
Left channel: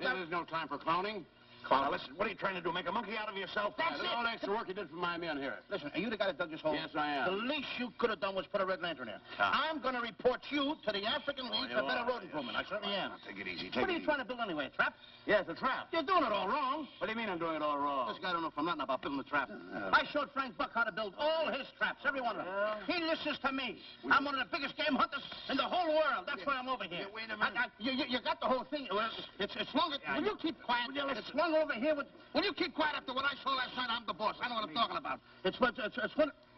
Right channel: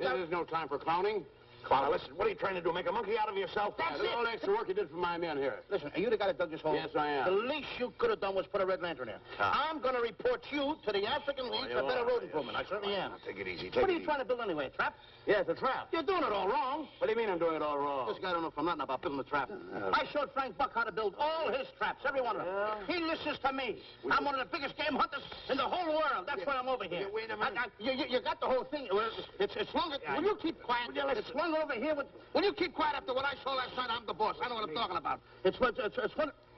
There's no time for clowning. Now, listen, what are you trying to do? Make a monkey out of yourself? That's Look at all the extra work you did for my men here. Listen, are you the guy that dug this hole? Yes, I am. The least you could have done was put a red lantern in. I'm going to report you to the African League for better road improvement. I certainly am. Take it easy. What are you trying to build anyway, a trap? Yes, a trap. You're doing it all wrong. What do you mean I'm doing it all wrong? This guy don't know from nothing about building a trap. I showed Frank Buck how to build all his traps, every one of them. He listens to me. I'm one of the biggest game hunters in the whole world. That's why I'm over here. Wait a minute. You got the whole thing. Well, it's longer. Will you keep quiet? It's one over here. Will you keep quiet after what I saw last night? I'm the boss. I know what I'm talking about. It's one.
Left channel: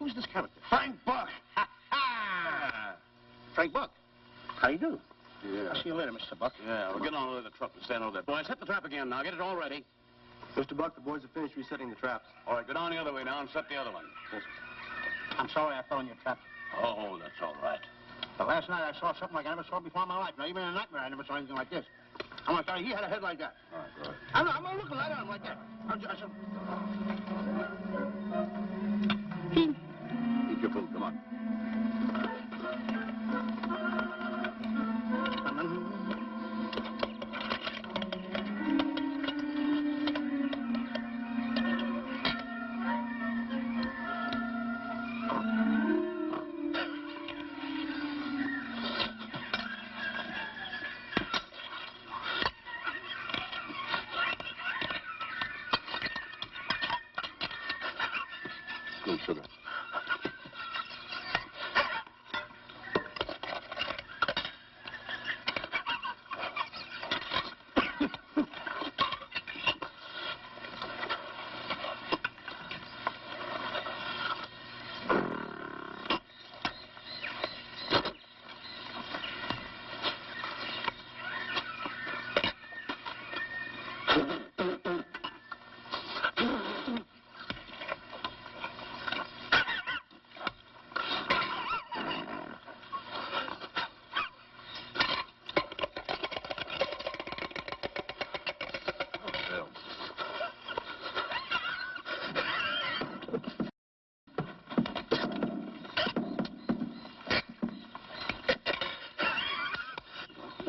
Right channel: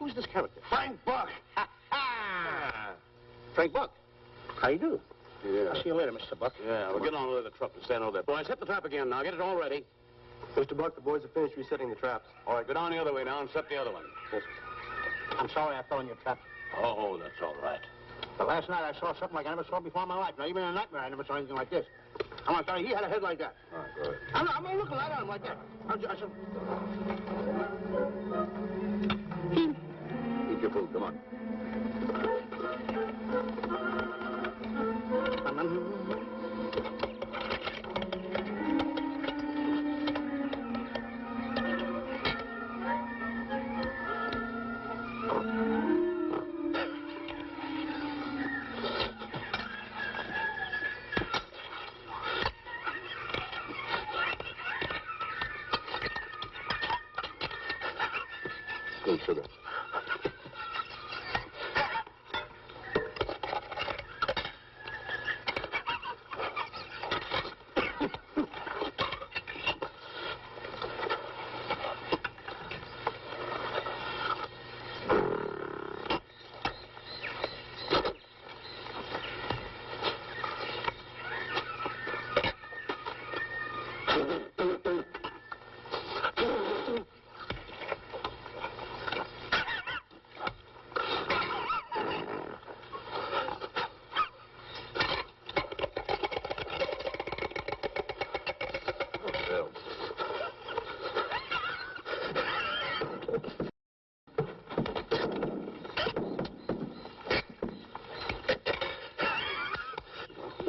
Who's this character? Frank Buck. Frank Buck. How you do? Yeah. I'll see you later, Mr. Buck. Yeah, we'll get on with the truck and stand over there. Boys, set the trap again now. Get it all ready. Mr. Buck, the boys have finished resetting the traps. All right, go down the other way now and set the other one. I'm sorry I fell in your trap. Oh, that's all right. But last night I saw something like I never saw before in my life. Now, even in a nightmare, I never saw anything like this. I want to tell you, he had a head like that. All right, good. I'm looking right at him like that. Eat your food. Come on. Good sugar.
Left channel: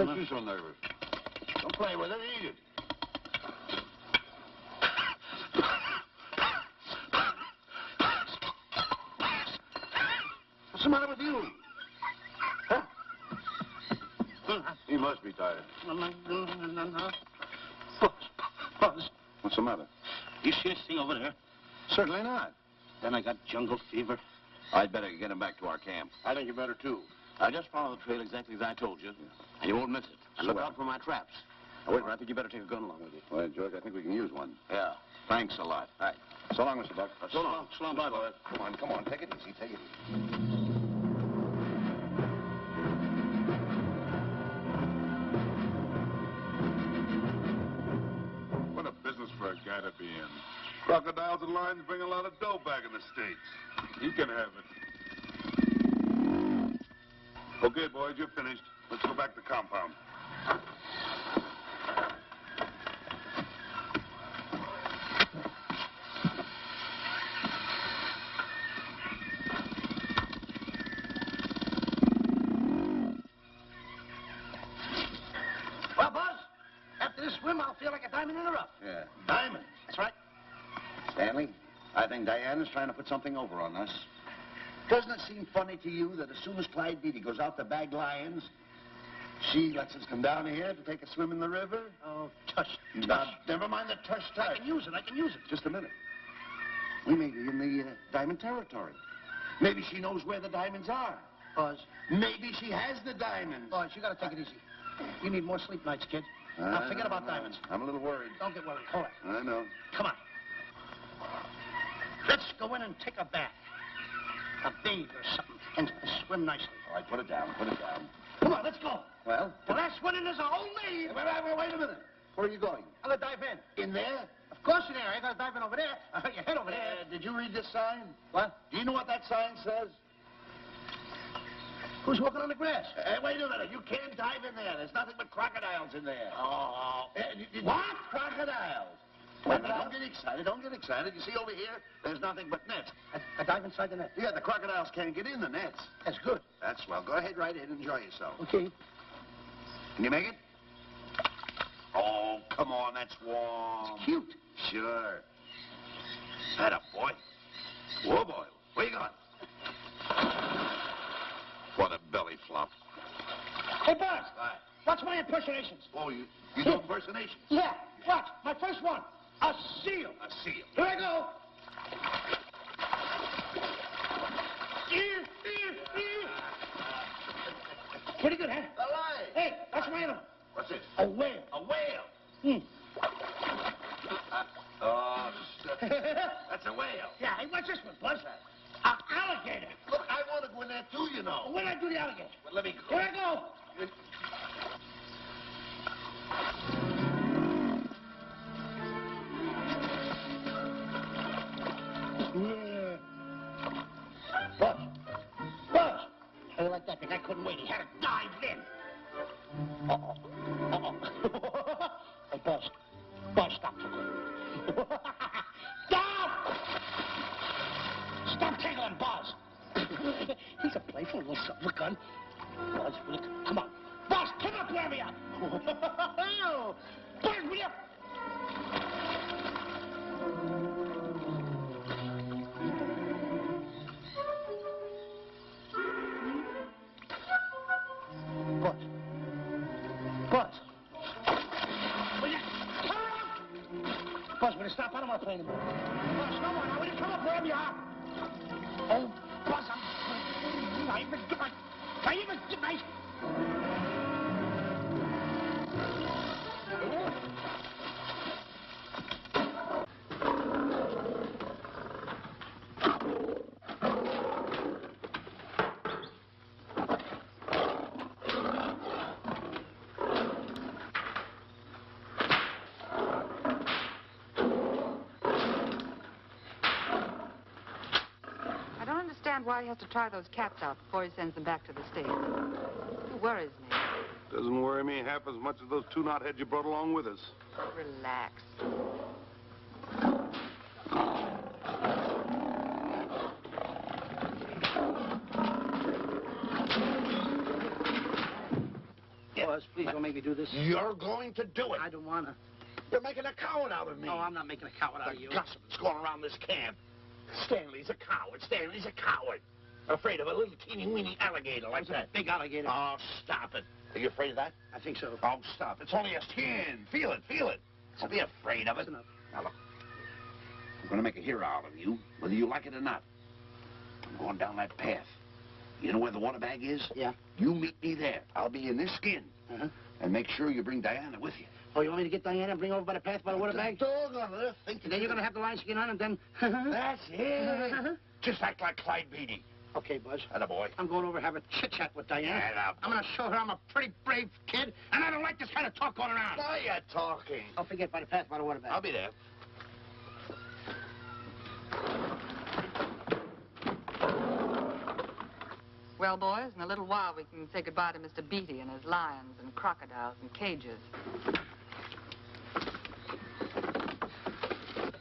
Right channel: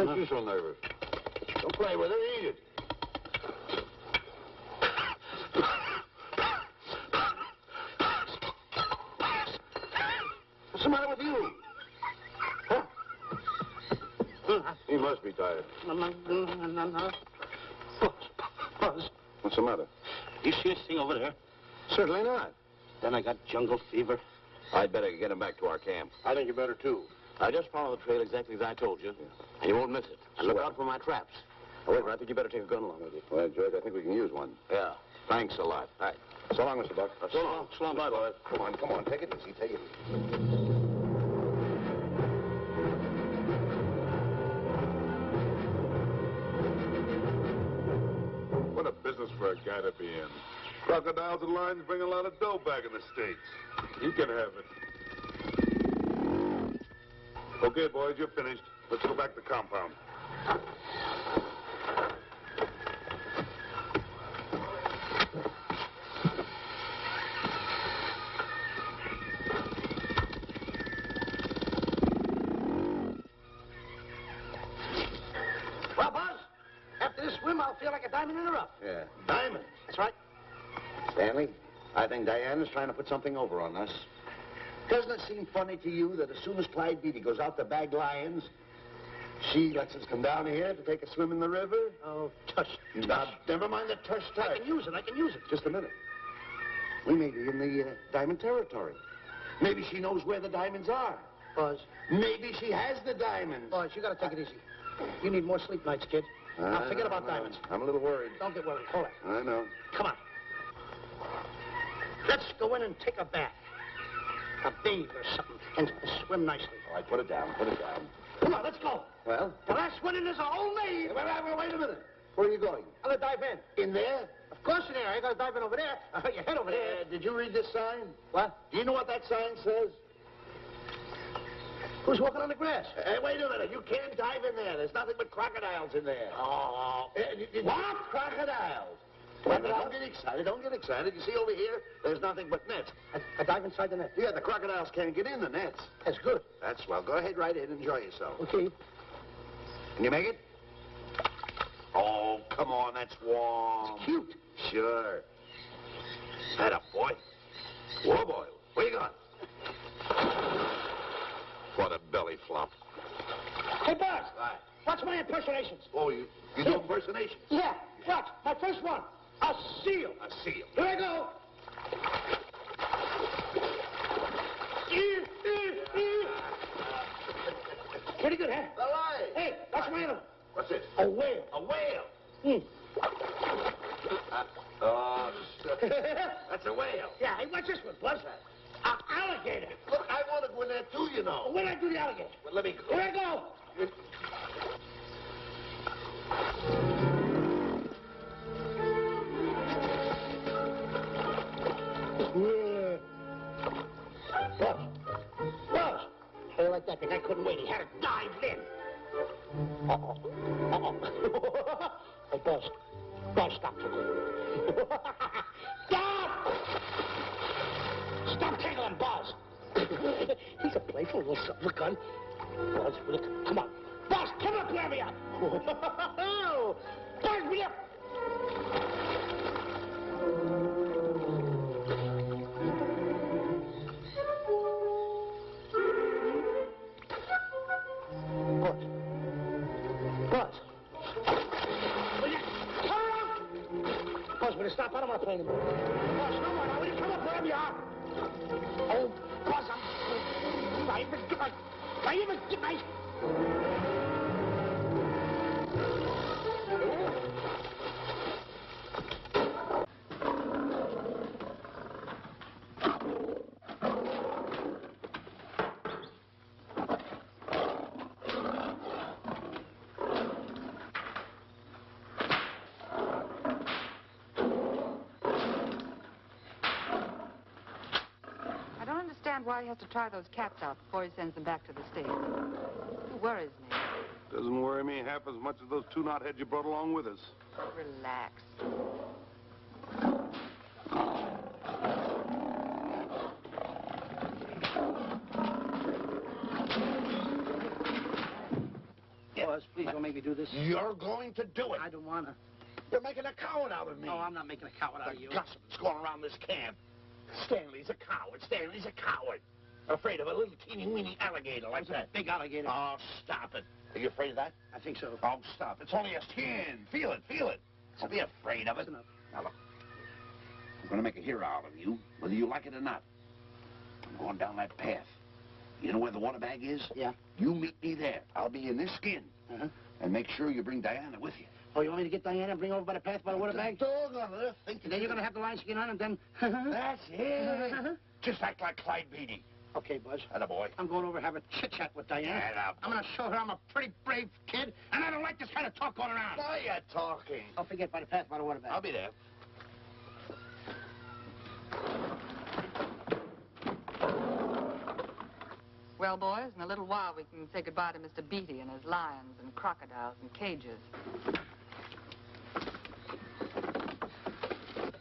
makes you so nervous? Don't play with it. Eat it. What's the matter with you? Huh? He must be tired. Buzz. What's the matter? You see this thing over there? Certainly not. Then I got jungle fever. I'd better get him back to our camp. I think you better, too. I just follow the trail exactly as I told you, and you won't miss it. And look out for my traps. Oh, wait, I think you better take a gun along with you. Well, George, I think we can use one. Yeah. Thanks a lot. All right. So long, Mr. Buck. So long. So long. Bye, boys. Come on. Take it easy. Take it easy. What a business for a guy to be in. Crocodiles and lions bring a lot of dough back in the States. You can have it. Okay, boys, you're finished. Let's go back to the compound. Well, Buzz, after this swim, I'll feel like a diamond in the rough. Yeah. Diamond. That's right. Stanley, I think Diana's trying to put something over on us. Doesn't it seem funny to you that as soon as Clyde Beatty goes out to bag lions, she lets us come down here to take a swim in the river? Oh, tush. Now, never mind the tush. I can use it. Just a minute. We may be in the diamond territory. Maybe she knows where the diamonds are. Buzz. Maybe she has the diamonds. Buzz, you gotta take it easy. You need more sleep nights, kid. Now, forget about diamonds. I'm a little worried. Don't get worried. Hold it. I know. Come on. Let's go in and take a bath. A bathe or something. And swim nicely. All right, put it down. Come on, let's go. Well? The last one in is a whole name. Wait a minute. Where are you going? I'm gonna dive in. In there? Of course in there. I gotta dive in over there. Your head over there. Did you read this sign? What? Do you know what that sign says? Who's walking on the grass? Wait a minute. You can't dive in there. There's nothing but crocodiles in there. Oh. What? Crocodiles. Don't get excited. You see over here, there's nothing but nets. I dive inside the net. Yeah, the crocodiles can't get in the nets. That's good. That's swell. Go ahead right in. Enjoy yourself. Okay. Can you make it? Oh, come on. That's warm. It's cute. Sure. Atta boy. Whoa, boy. Where you going? What a belly flop. Hey, Buzz. Watch my impersonations. Oh, you do impersonations? Yeah. Watch. My first one. A seal. A seal. Here I go. Pretty good, huh? Hey, that's my animal. What's this? A whale. A whale. Oh, shit. That's a whale. Yeah, hey, what's this one, Buzz? An alligator. Look, I want to go in there too, you know. When I do the alligator? Well, let me go. Here I go. Buzz. How you like that thing? I couldn't wait. He had to dive in. Hey, Buzz. Buzz, stop. Stop! Stop tickling Buzz. He's a playful little son of a gun. Buzz, come on. Buzz, come up, wherever you are. Buzz, me up. Buzz. Will you come up? Buzz, will you stop? I don't want to play anymore. Buzz, come on now. Will you come up wherever you are? Oh, Buzz, I'm good night. Why he has to try those cats out before he sends them back to the States. It worries me. Doesn't worry me half as much as those two knotheads you brought along with us. Relax. Buzz. Please don't make me do this. You're going to do it. I don't want to. You're making a coward out of me. Oh, I'm not making a coward out of you. The gossip that's going around this camp. Stanley's a coward. Stanley's a coward. Afraid of a little teeny-weeny alligator like that. Big alligator. Oh, stop it. Are you afraid of that? I think so. Oh, stop. It's only a skin. Feel it, feel it. Don't be afraid of it. That's enough. Now, look. I'm going to make a hero out of you, whether you like it or not. I'm going down that path. You know where the water bag is? Yeah. You meet me there. I'll be in this skin. Uh-huh. And make sure you bring Diana with you. Oh, you want me to get Diana and bring her over by the path by the water bag? Dog on earth. And then you're going to have the lion skin on and then... That's it. Just act like Clyde Beatty. Okay, Buzz. Attaboy. I'm going over and have a chit-chat with Diana. Attaboy. I'm going to show her I'm a pretty brave kid, and I don't like this kind of talk going around. Now you're talking. Don't forget by the path by the water bag. I'll be there. Well, boys, in a little while we can say goodbye to Mr. Beatty and his lions and crocodiles and cages.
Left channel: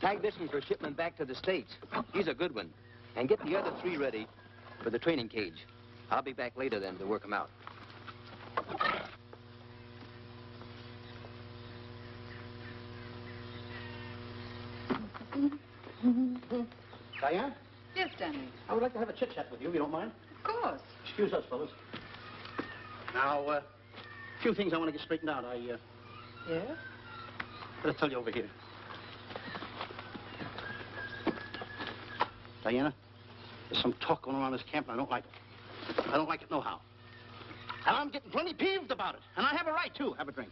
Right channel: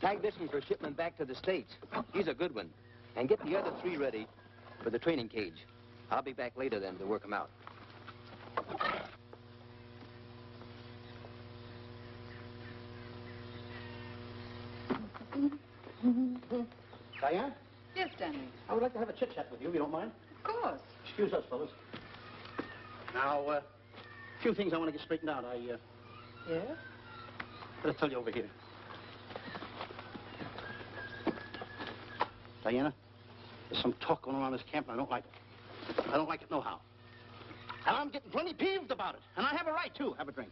Tag this one for shipment back to the States. He's a good one. And get the other 3 ready for the training cage. I'll be back later then to work them out. Diana, Yes, Stanley. I would like to have a chit-chat with you, if you don't mind. Of course. Excuse us, fellas. Now, a few things I want to get straightened out. Yes? Gotta tell you over here. Diana, there's some talk going around this camp, and I don't like it. I don't like it nohow. And I'm getting plenty peeved about it. And I have a right, too. Have a drink.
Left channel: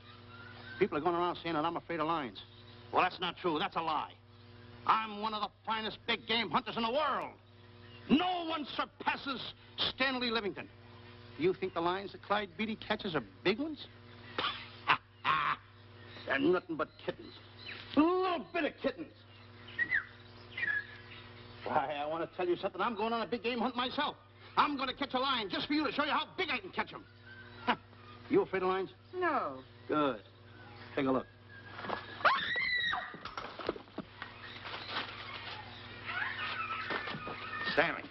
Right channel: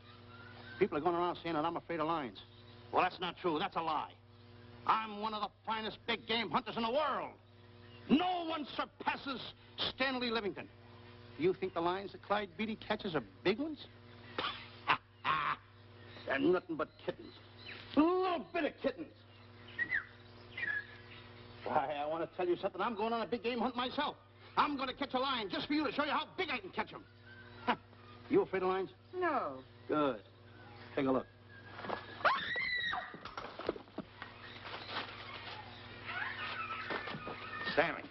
People are going around saying that I'm afraid of lions. Well, that's not true. That's a lie. I'm one of the finest big game hunters in the world. No one surpasses Stanley Livington. Do you think the lions that Clyde Beatty catches are big ones? They're nothing but kittens. A little bit of kittens. Why, I want to tell you something. I'm going on a big game hunt myself. I'm going to catch a lion just for you to show you how big I can catch him. You afraid of lions? No. Good. Take a look. Stanley.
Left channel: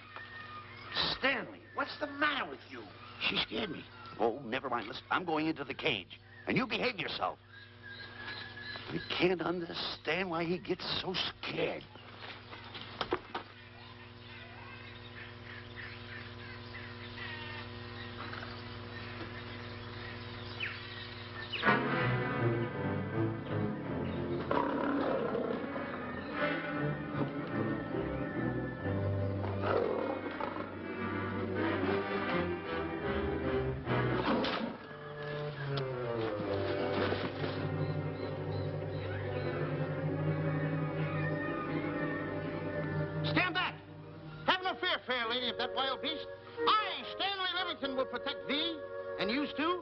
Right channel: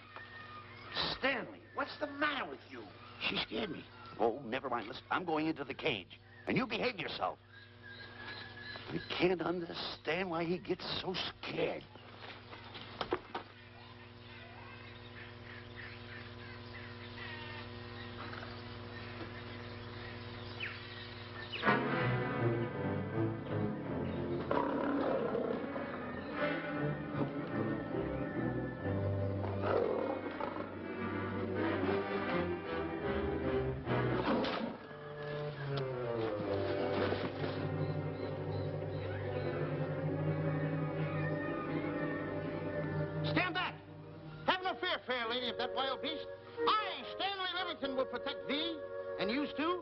Stanley, what's the matter with you? She scared me. Oh, never mind. Listen, I'm going into the cage. And you behave yourself. I can't understand why he gets so scared. Stand back! Have no fear, fair lady of that wild beast. I, Stanley Livington, will protect thee, and yous too.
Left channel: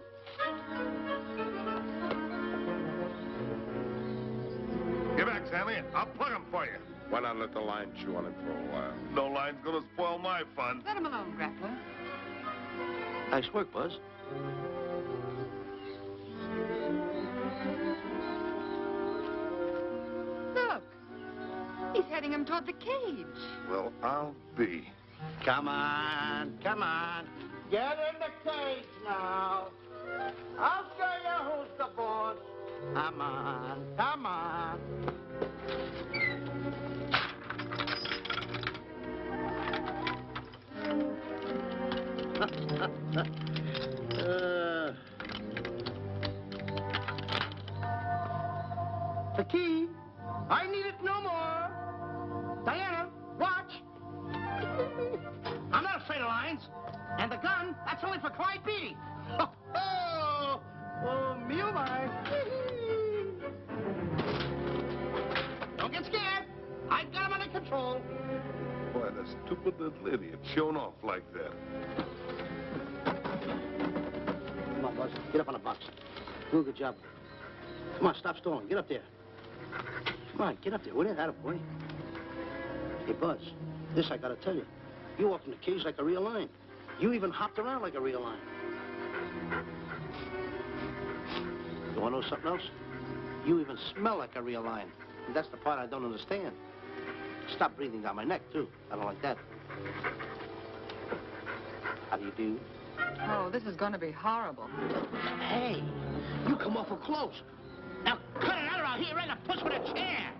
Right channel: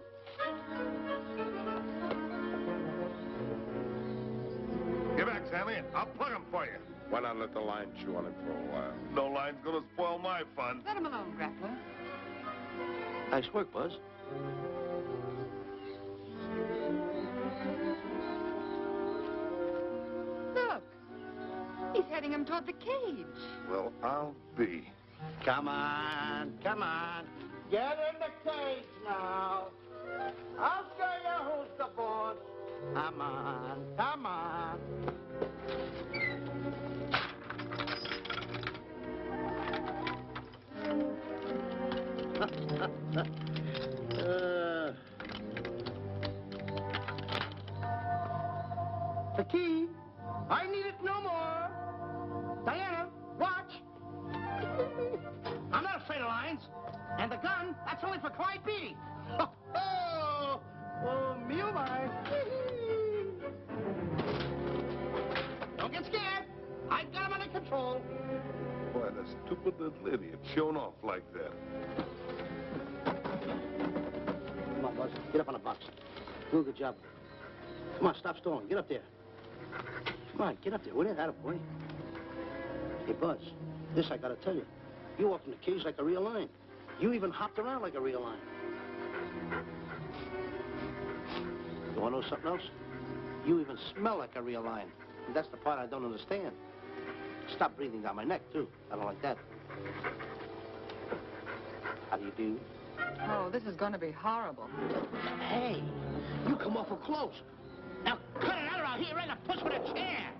Get back, Stanley. I'll plug him for you. Why not let the lion chew on him for a while? No line's gonna spoil my fun. Let him alone, Grappler. Nice work, Buzz. Look. He's heading him toward the cage. Well, I'll be. Come on, come on. Get in the cage now. I'll show you who's the boss. Come on, come on. The key. I need it no more. Diana, watch. I'm not afraid of lions. And the gun, that's only for Clyde Beatty. Oh, me oh my. Don't get scared. I've got him under control. Boy, that stupid little idiot showing off like that. Come on, Buzz. Get up on the box. Do a good job. Come on, stop stalling. Get up there. Come on, get up there, will you? Attaboy. Hey, Buzz, this I gotta tell you. You walked in the cage like a real lion. You even hopped around like a real lion. You wanna know something else? You even smell like a real lion. And that's the part I don't understand. Stop breathing down my neck, too. I don't like that. How do you do? Oh, this is going to be horrible. Hey, you come awful close. Now cut it out around here right a puss with a chair.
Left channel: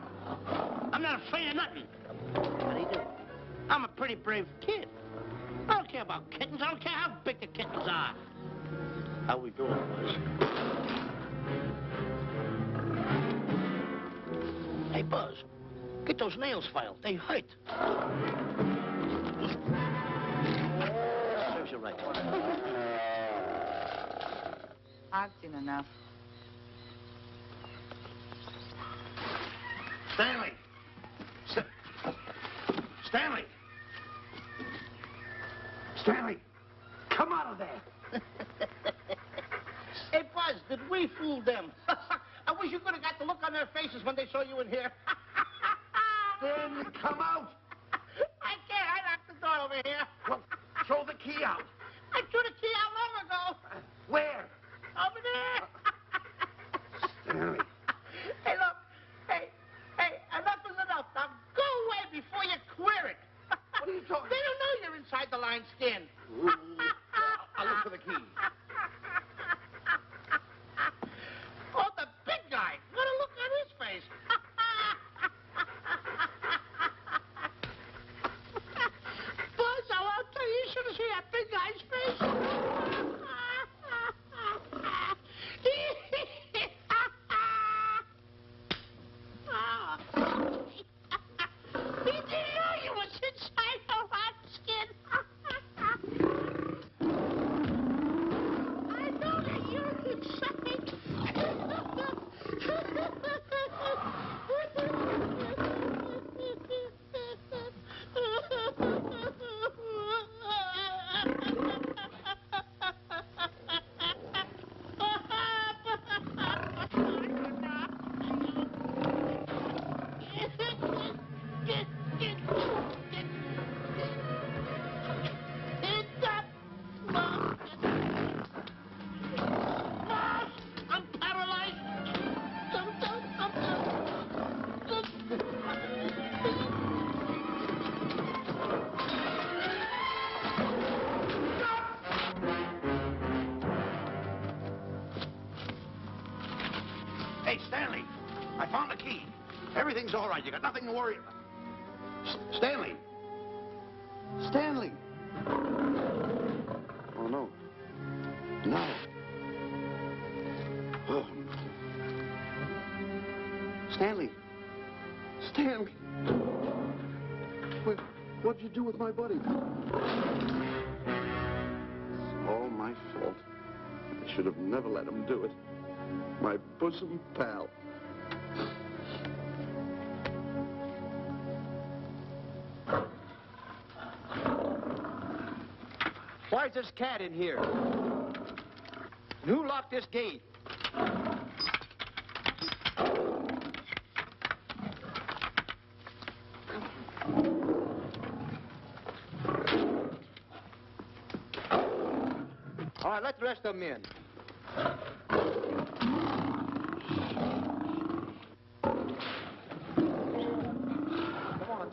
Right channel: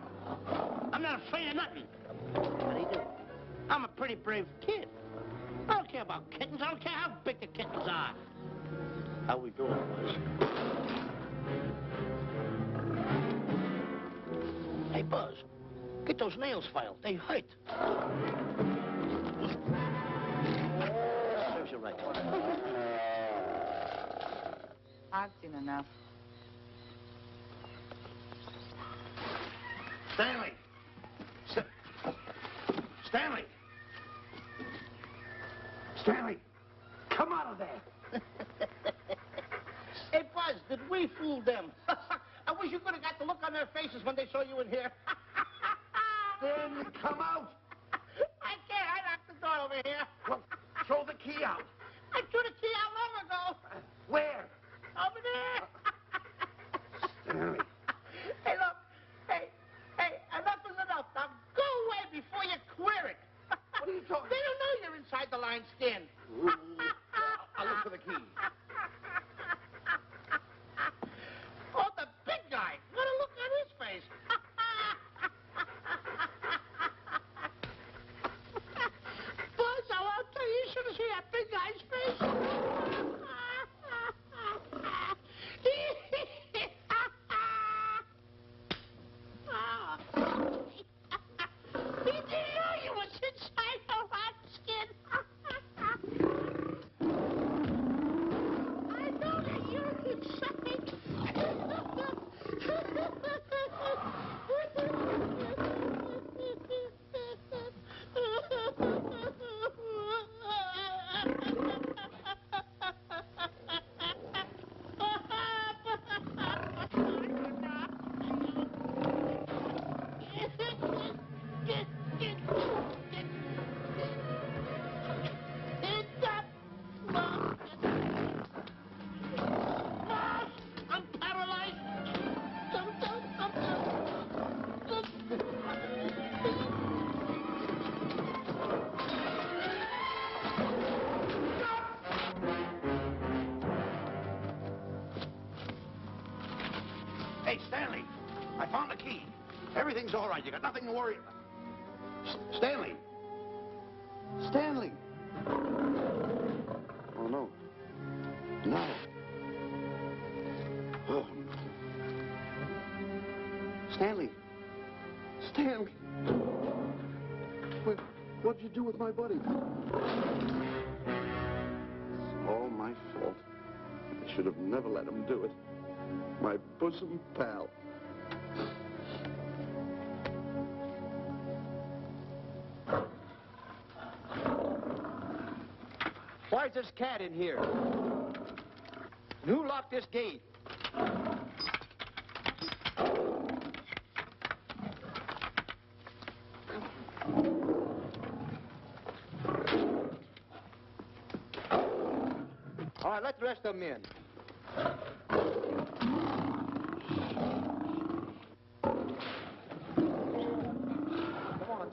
I'm not afraid of nothing. How do you do? I'm a pretty brave kid. I don't care about kittens. I don't care how big the kittens are. How we doing, boys? Hey, Buzz, get those nails filed. They hurt. Serves you right. I've seen enough. Stanley! Stanley! Stanley! Come out of there! Hey, Buzz, did we fool them? I wish you could have got the look on their faces when they saw you in here. Stanley, come out! I can't. I locked the door over here. Well, throw the key out. I threw the key out long ago. Where? Over there. Stanley. Hey, look. Hey, enough is enough. Now go away before you queer it. What are you talking They don't know you're inside the lion's skin. I'll look for the key. Oh, the big guy. What a look on his face. Buzz, I'll tell you, you should have seen that big guy's face. He didn't know you was inside the lion's skin. I know that you're inside. I'm paralyzed. Hey, Stanley, I found the key. Everything's all right. You got nothing to worry about. Stanley. Stanley. Oh, no. No. Oh. Stanley. Stanley. What'd you do with my buddy? It's all my fault. I should have never let him do it. My bosom pal. Why's this cat in here? Who locked this gate? All right, let the rest of them in. Come on.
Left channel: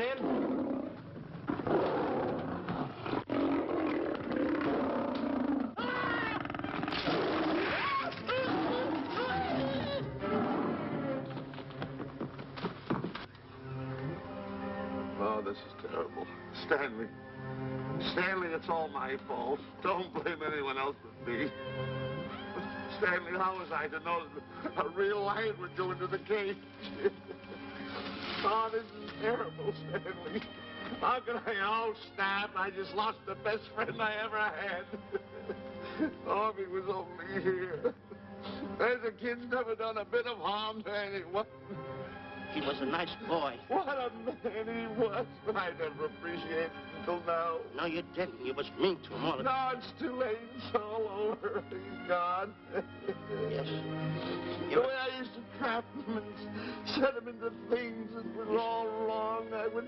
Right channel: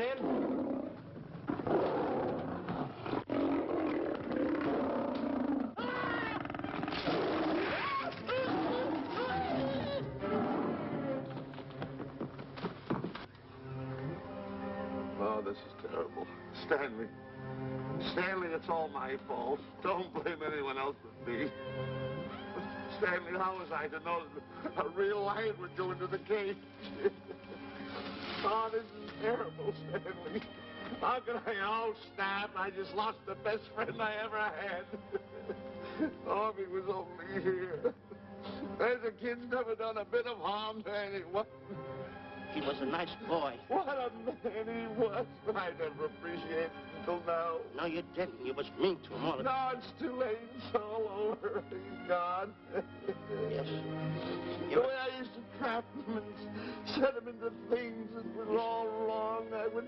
in. Oh, this is terrible. Stanley. Stanley, it's all my fault. Don't blame anyone else but me. Stanley, how was I to know that a real lion would go into the cage? Oh, this is terrible, Stanley. How can I... Oh, snap. I just lost the best friend I ever had. Oh, if he was only here. There's a kid's never done a bit of harm to anyone. He was a nice boy. What a man he was. I never appreciated it until now. No, you didn't. You was mean to him all the No, it's too late. It's all over. He's gone. Yes. The way I used to trap him and set him into things that was all wrong, I would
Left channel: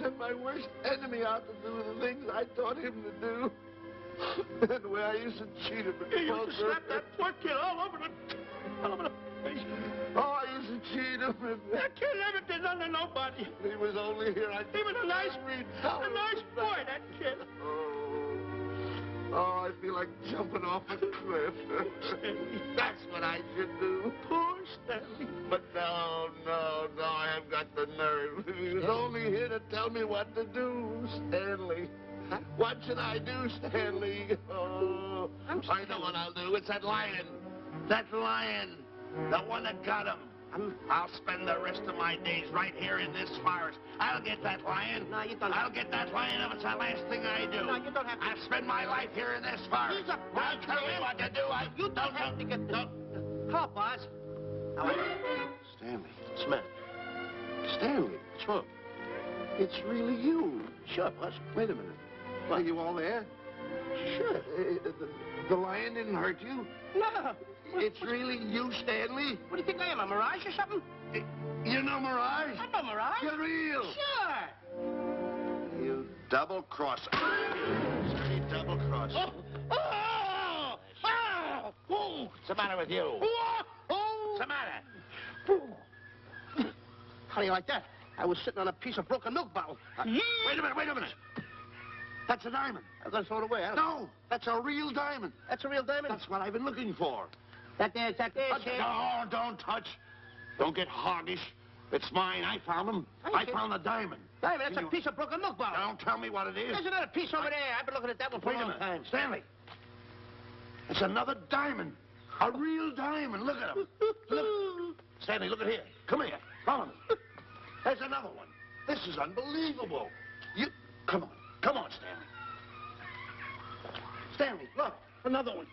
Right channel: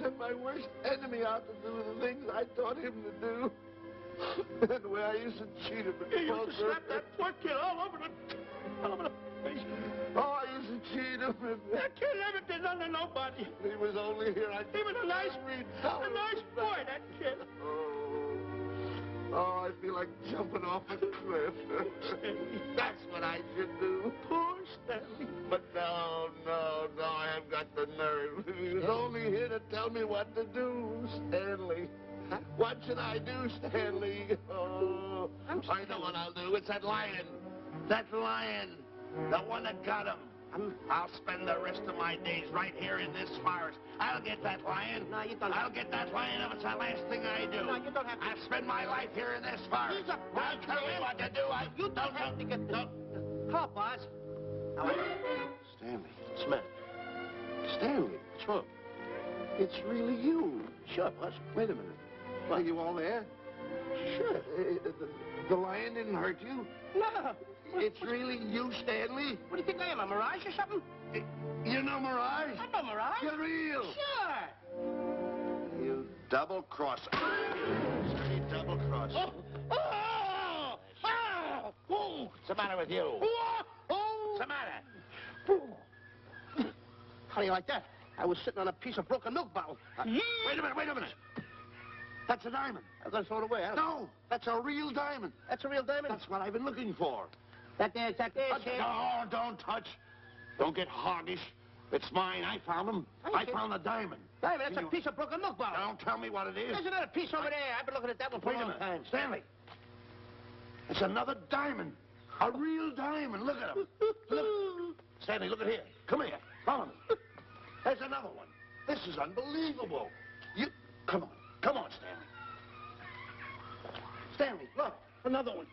send my worst enemy out to do the things I taught him to do. And the way I used to cheat him. You used to slap that poor kid all over the face. Oh, I used to cheat him. That kid never did nothing to nobody. He was only here. He was a nice boy, that kid. Oh, I feel like jumping off a cliff. That's what I should do. Poor Stanley. But no, I haven't got the nerve. He was only here to tell me what to do, Stanley. Huh? What should I do, Stanley? Oh, I know what I'll do. It's that lion. That lion. The one that got him. I'll spend the rest of my days right here in this forest. I'll get that lion. No, you don't. I'll get that lion if it's the last thing I do. No, you don't have to. I'll spend my life here in this forest. He's a Don't tell me what to do. You don't have to get the... Call, boss. Stanley. Smith. Stanley. Sure. It's really you. Sure, boss. Wait a minute. Are you all there? Sure. The lion didn't hurt you? No. It's really you, Stanley? What do you think I am, a mirage or something? You're no mirage? I'm no mirage. You're real. Sure. You double-crosser. You double-crosser. Oh! What's the matter with you? What's the matter? How do you like that? I was sitting on a piece of broken milk bottle. Wait a minute. That's a diamond. I'm going to throw it away. No, that's a real diamond. That's a real diamond? That's what I've been looking for. That there, kid. No, don't touch. Don't get hoggish. It's mine. I found them. I found the diamond. Diamond, that's a piece of broken milk bottle. Don't tell me what it is. There's another piece over there. I've been looking at that one for a long time. Stanley. It's another diamond. A real diamond. Look at him. Look. Stanley, look at here. Come here. Follow me. There's another one. This is unbelievable. Come on. Come on, Stanley. Stanley, look. Another one.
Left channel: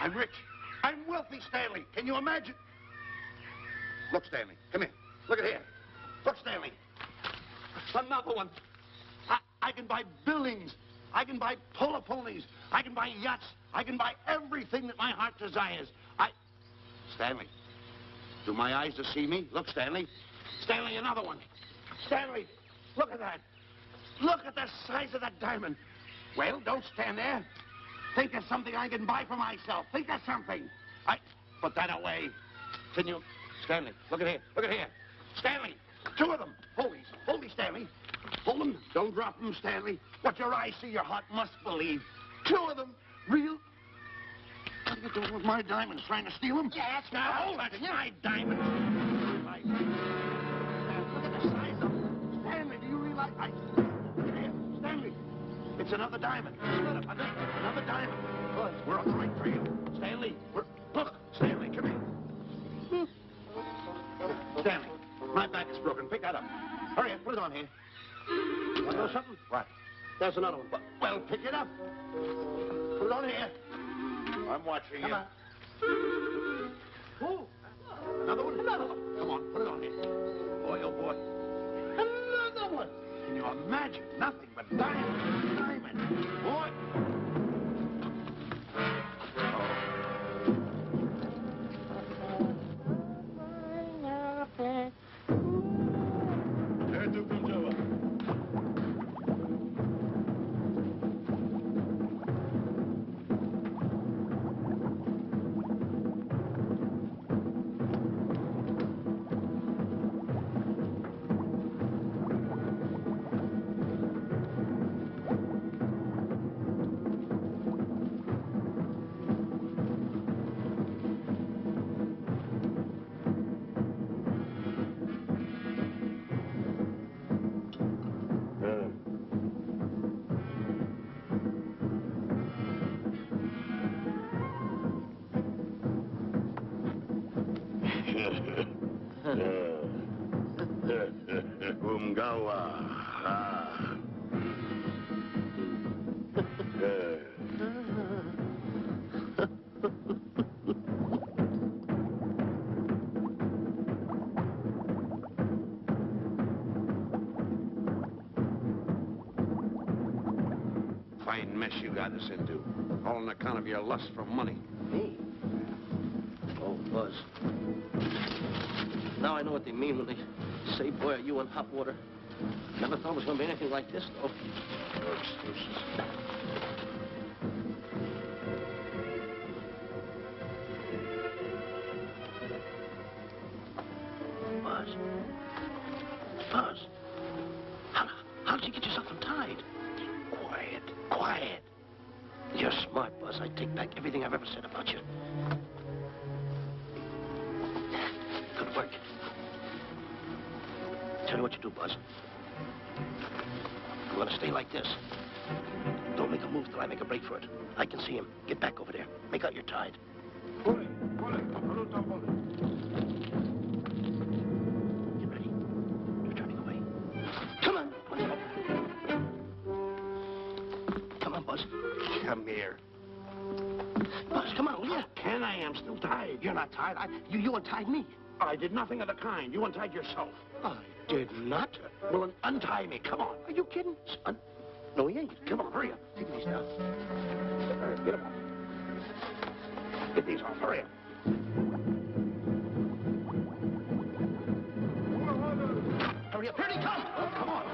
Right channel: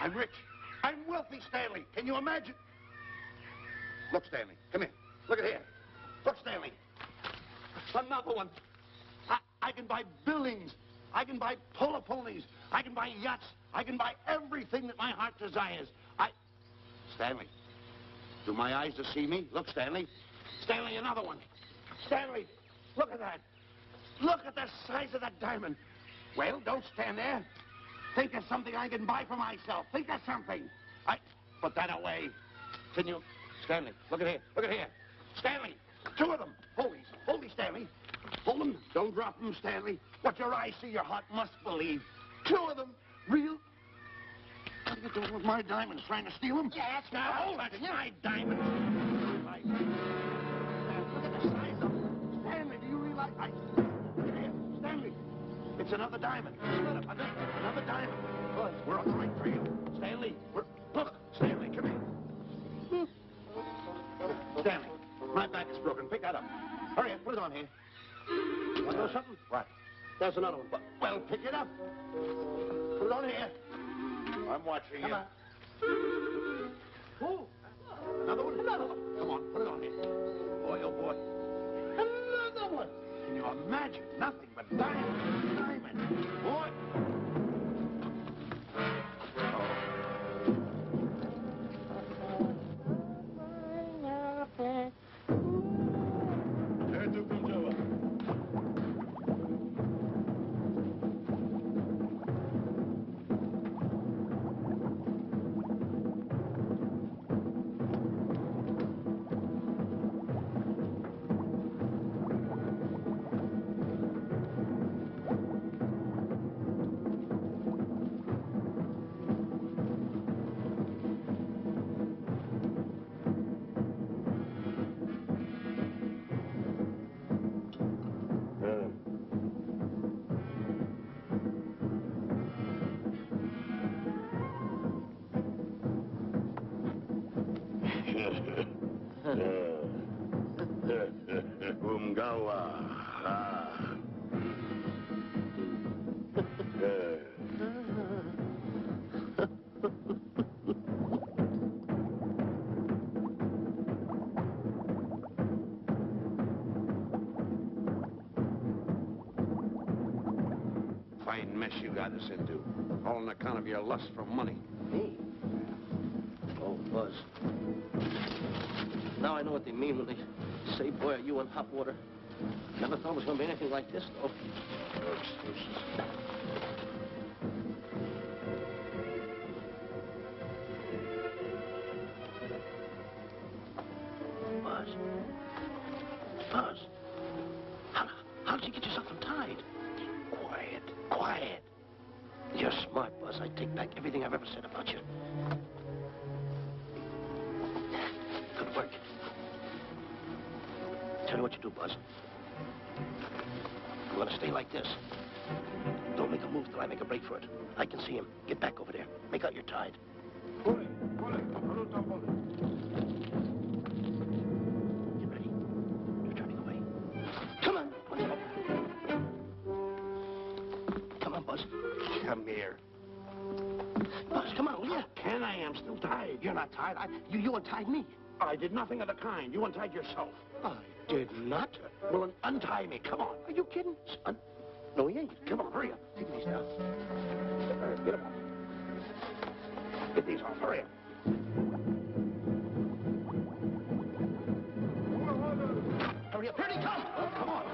I'm rich. I'm wealthy, Stanley. Can you imagine? Look, Stanley. Come here. Look at here. Look, Stanley. Another one. I can buy buildings. I can buy polo ponies. I can buy yachts. I can buy everything that my heart desires. Stanley, do my eyes deceive me? Look, Stanley. Stanley, another one. Stanley, look at that. Look at the size of that diamond. Well, don't stand there. Think of something I can buy for myself. Think of something. Put that away. Can you... Stanley, look at here. Look at here. Stanley, two of them. Hold me, Stanley. Hold them. Don't drop them, Stanley. What your eyes see, your heart must believe. Two of them. Real... What are you doing with my diamonds? Trying to steal them? Yes, Now, hold it. It's my diamonds. Look at the size of them. Stanley, do you realize... Look at here. Stanley. It's another diamond. Another diamond. We're on the right trail. Stanley, look, Stanley, come here. Stanley, my back is broken. Pick that up. Hurry up, put it on here. Want to know something? What? There's another one. Well, pick it up. Put it on here. I'm watching you. Come on. Oh, another one? Another one. Come on, put it on here. Boy, oh boy. Another one. Can you imagine? Nothing but diamonds. Diamonds. Boy. Fine mess you got us into. All on account of your lust for money. Me? Oh, Buzz. Now I know what they mean when they say, boy, are you in hot water. Never thought it was going to be anything like this, though. No excuses. Buzz. Buzz. How did you get yourself untied? Quiet. Quiet. You're smart, Buzz. I take back everything I've ever said about you. Good work. Tell you what you do, Buzz. I'm going to stay like this. Don't make a move till I make a break for it. I can see him. Get back over there. Make out you're tied. Get ready. You're turning away. Come on. Come on, Buzz. Come here. Buzz, come on, will you? Ken, I am still tied. You're not tied. You untied me. I did nothing of the kind. You untied yourself. I did not. Well, then untie me. Come on. Are you kidding? No, he ain't. Come on, hurry up. Take these now. All right, get them off. Get these off. Hurry up. Hurry up. Here he comes. Oh, come on.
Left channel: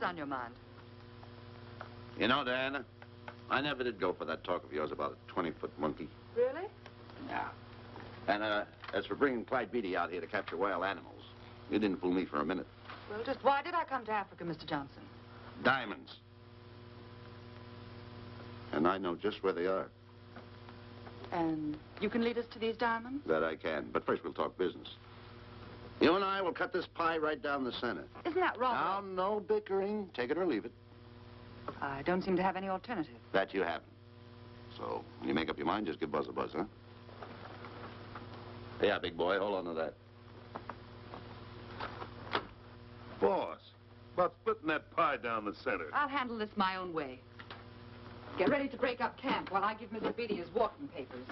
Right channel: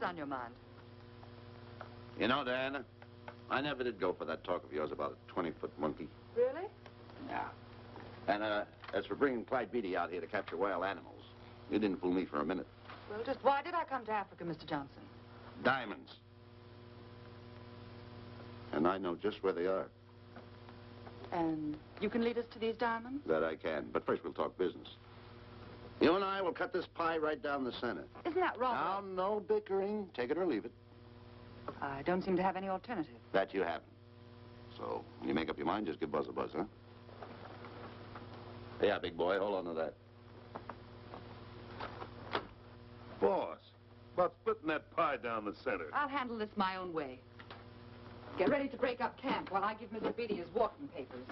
On your mind? You know, Diana, I never did go for that talk of yours about a 20-foot monkey. Really? Yeah. And as for bringing Clyde Beatty out here to capture wild animals, you didn't fool me for a minute. Well, just why did I come to Africa, Mr. Johnson? Diamonds. And I know just where they are. And you can lead us to these diamonds? That I can. But first we'll talk business. You and I will cut this pie right down the center. Isn't that wrong? Now, no bickering. Take it or leave it. I don't seem to have any alternative. That you haven't. So, when you make up your mind, just give Buzz a buzz, huh? Yeah, big boy, hold on to that. Boss, about splitting that pie down the center. I'll handle this my own way. Get ready to break up camp while I give Mr. Beatty his walking papers.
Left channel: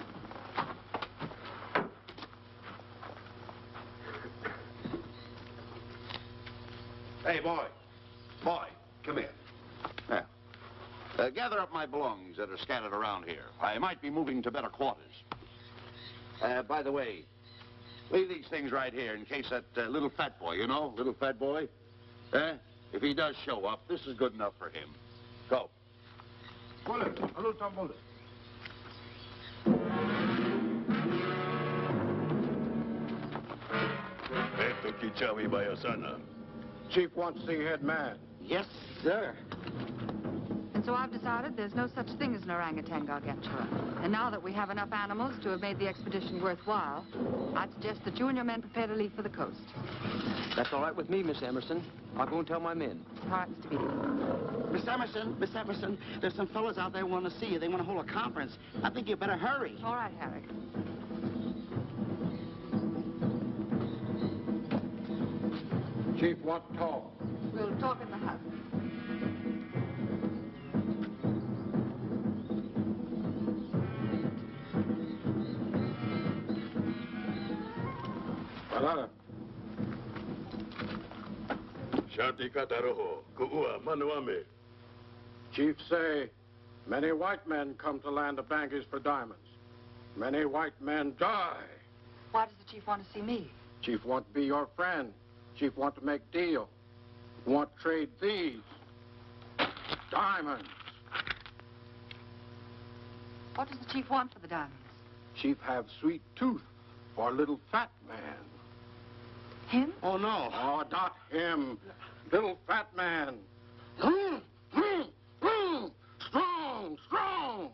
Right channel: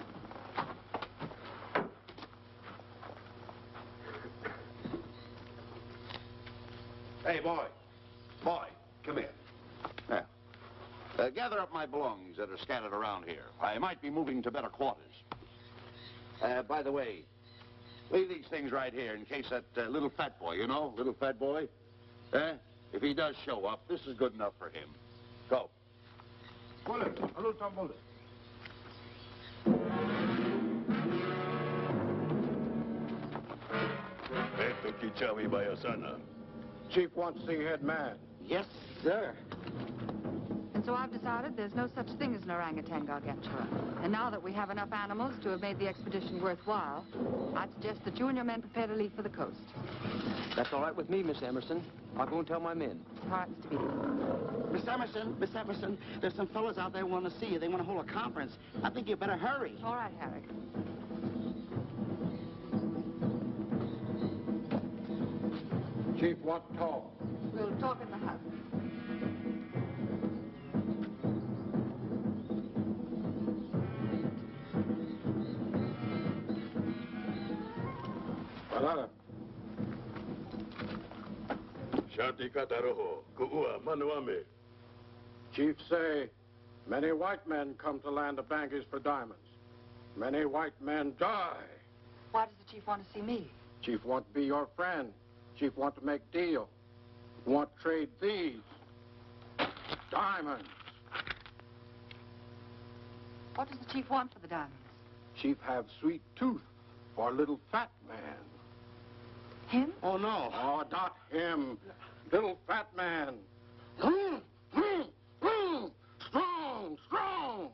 Hey, boy. Boy, come here. Now, gather up my belongings that are scattered around here. I might be moving to better quarters. By the way, leave these things right here in case that little fat boy, you know, little fat boy, if he does show up, this is good enough for him. Go. Chief wants to see head man. Yes, sir. And so I've decided there's no such thing as an orangutan gargantua. And now that we have enough animals to have made the expedition worthwhile, I'd suggest that you and your men prepare to leave for the coast. That's all right with me, Miss Emerson. I'll go and tell my men. All right, Mr. Beatty. Miss Emerson, there's some fellas out there who want to see you. They want to hold a conference. I think you better hurry. All right, Harry. Chief wants to talk. We'll talk in the hut. Shanti Kataroho, Ku'ua Manuame. Chief say, many white men come to land of Bangis for diamonds. Many white men die. Why does the chief want to see me? Chief want to be your friend. Chief want to make deal. Want to trade these. Diamonds. What does the chief want for the diamonds? Chief have sweet tooth for little fat man. Him? Oh, no. Oh, not him. Little fat man. Strong, strong.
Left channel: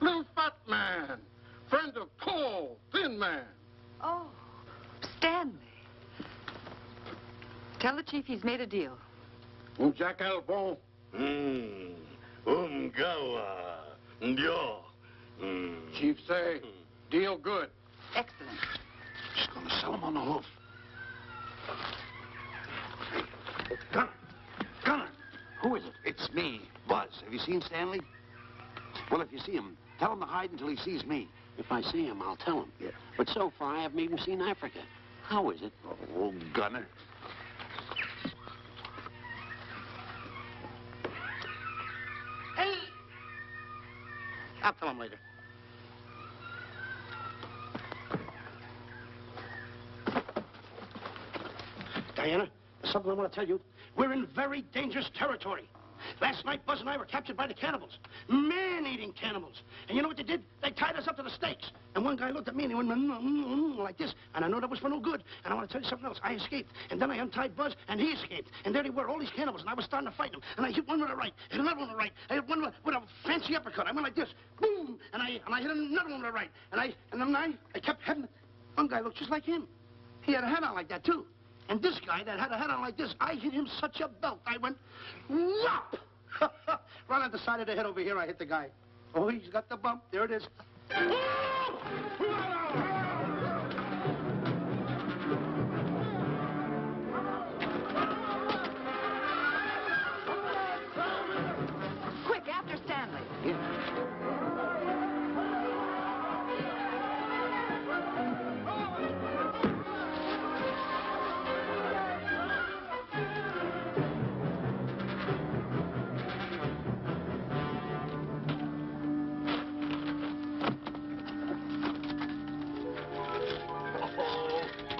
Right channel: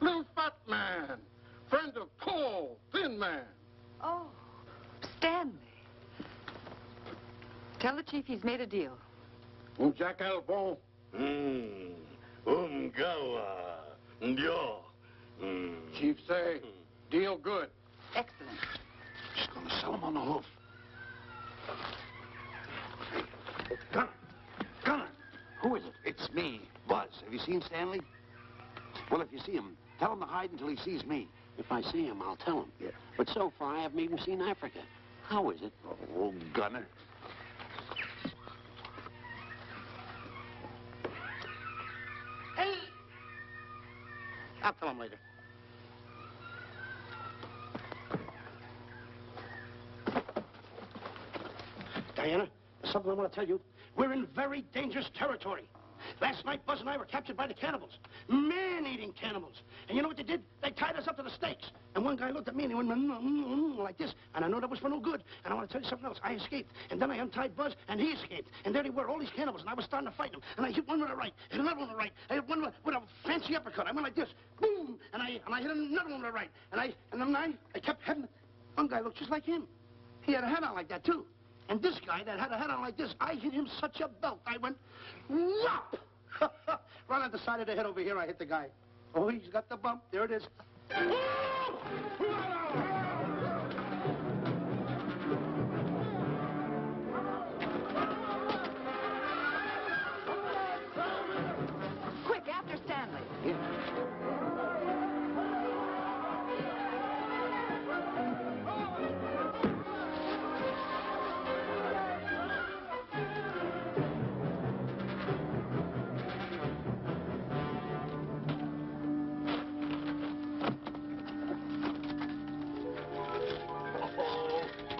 Little fat man. Friend of tall, thin man. Oh, Stanley. Tell the chief he's made a deal. Jack Elbow. Umgawa. Ndio. Chief say, deal good. Excellent. She's going to sell him on the hoof. Gunner! Who is it? It's me, Buzz. Have you seen Stanley? Well, if you see him, tell him to hide until he sees me. If I see him, I'll tell him. Yeah. But so far, I haven't even seen Africa. How is it? Oh, Gunner. Hey! I'll tell him later. Diana, there's something I want to tell you. We're in very dangerous territory. Last night, Buzz and I were captured by the cannibals. Man-eating cannibals. And you know what they did? They tied us up to the stakes. And one guy looked at me and he went like this. And I know that was for no good. And I want to tell you something else. I escaped. And then I untied Buzz and he escaped. And there they were, all these cannibals. And I was starting to fight them. And I hit one with the right, hit another one with the right. I hit one with a fancy uppercut. I went like this. Boom! And I hit another one with the right. And then I kept hitting. One guy looked just like him. He had a hat on like that, too. And this guy that had a hat on like this, I hit him such a belt. I went, whop! Right on the side of the head over here, I hit the guy. Oh, he's got the bump. There it is. Quick, after Stanley.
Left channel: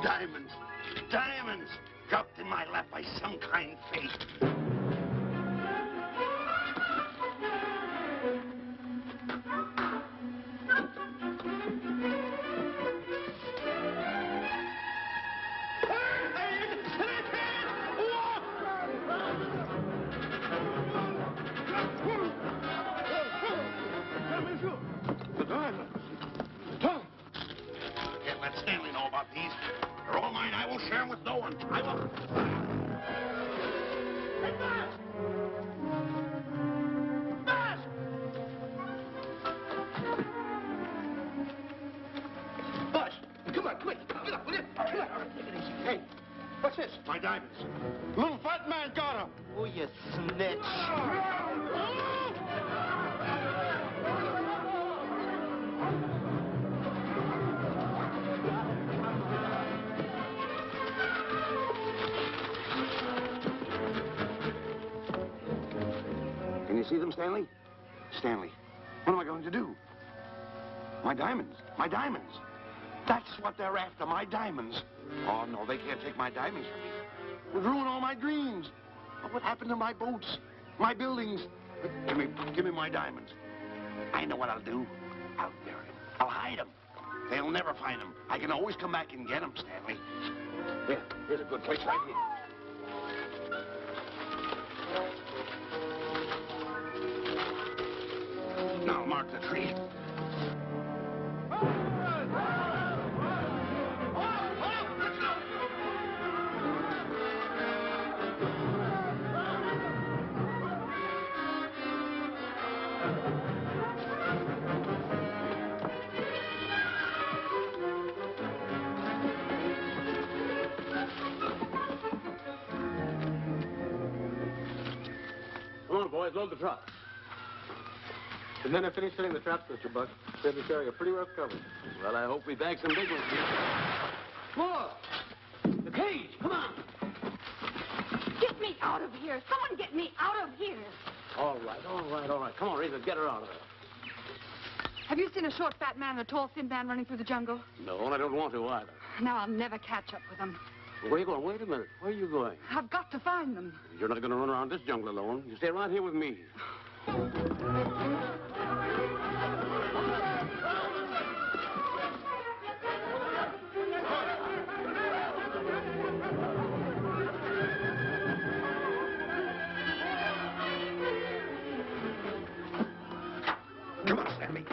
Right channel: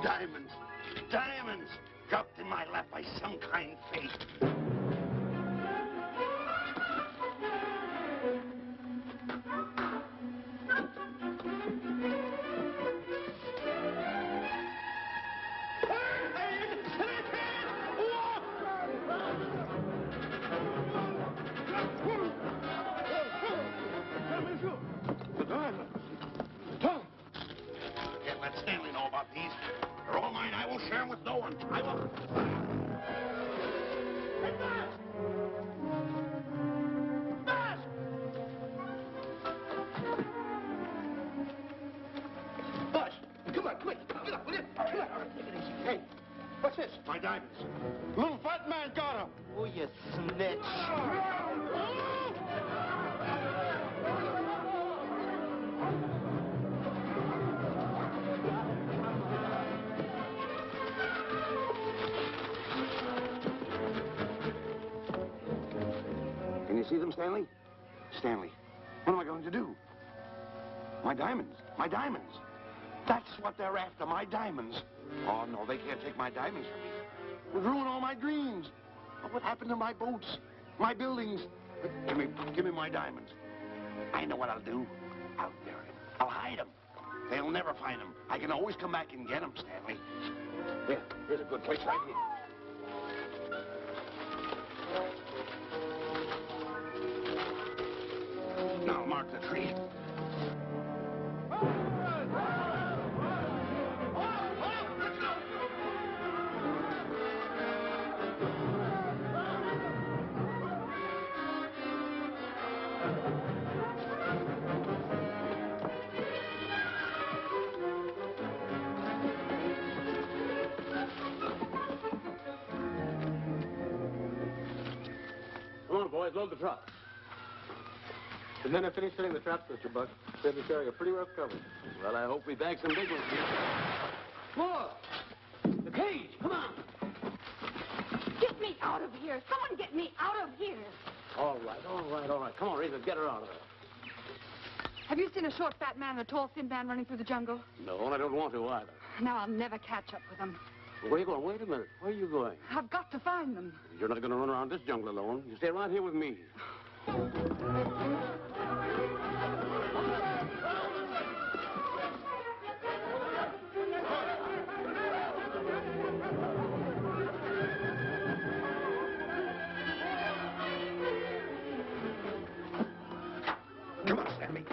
Diamonds. Diamonds. Dropped in my lap by some kind fate. Can't let Stanley know about these. They're all mine. I won't share them with no one. I won't. Hey, Buzz! Buzz! Buzz, come on, quick. Get up, will you? Come on. Take it easy. Hey, what's this? My diamonds. Little fat man got him. Oh, you snitch. Can you see them, Stanley? Stanley, what am I going to do? My diamonds. My diamonds. That's what they're after, my diamonds. Oh, no, they can't take my diamonds from me. It would ruin all my dreams. What happened to my boats? My buildings? Give me my diamonds. I know what I'll do. I'll bury them. I'll hide them. They'll never find them. I can always come back and get them, Stanley. Here's a good place right here. Now mark the tree. Come on, boys, load the truck. The men have finished filling the traps, Mr. Buck. Said we're carrying a pretty rough cover. Well, I hope we bag some big ones here. Look! The cage, come on! here. Someone get me out of here. All right. Come on, Rita, get her out of there. Have you seen a short, fat man and a tall, thin man running through the jungle? No, and I don't want to either. Now I'll never catch up with them. Where are you going? Wait a minute. Where are you going? I've got to find them. You're not going to run around this jungle alone. You stay right here with me. Come on, Stanley.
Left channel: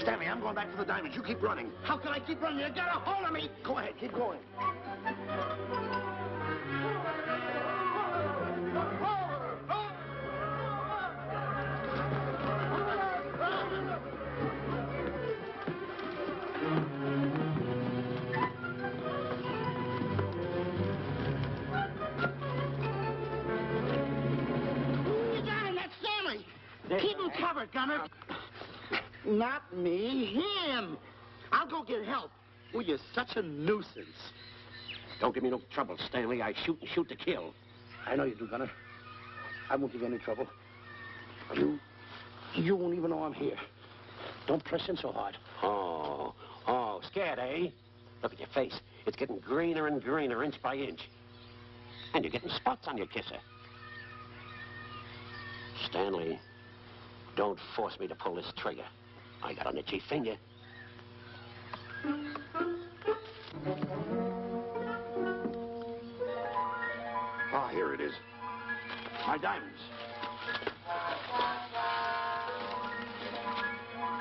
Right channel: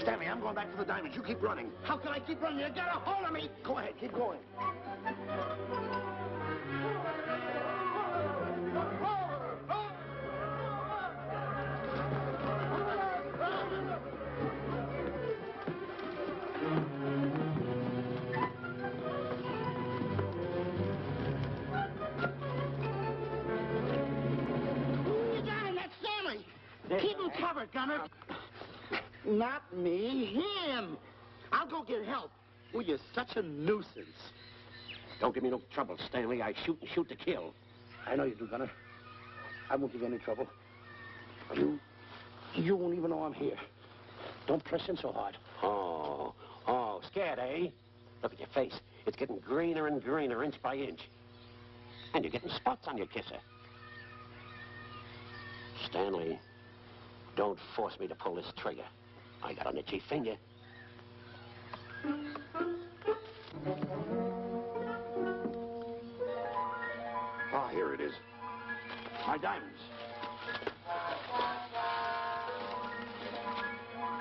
Stanley, I'm going back for the diamonds. You keep running. How can I keep running? You got a hold of me. Go ahead, keep going. You got him. That's Stanley. Keep him covered, Gunner. Not me, him. I'll go get help. Well, you're such a nuisance. Don't give me no trouble, Stanley. I shoot and shoot to kill. I know you do, Gunner. I won't give you any trouble. You won't even know I'm here. Don't press in so hard. Oh, scared, eh? Look at your face. It's getting greener and greener, inch by inch. And you're getting spots on your kisser. Stanley, don't force me to pull this trigger. I got an itchy finger. Ah, here it is. My diamonds.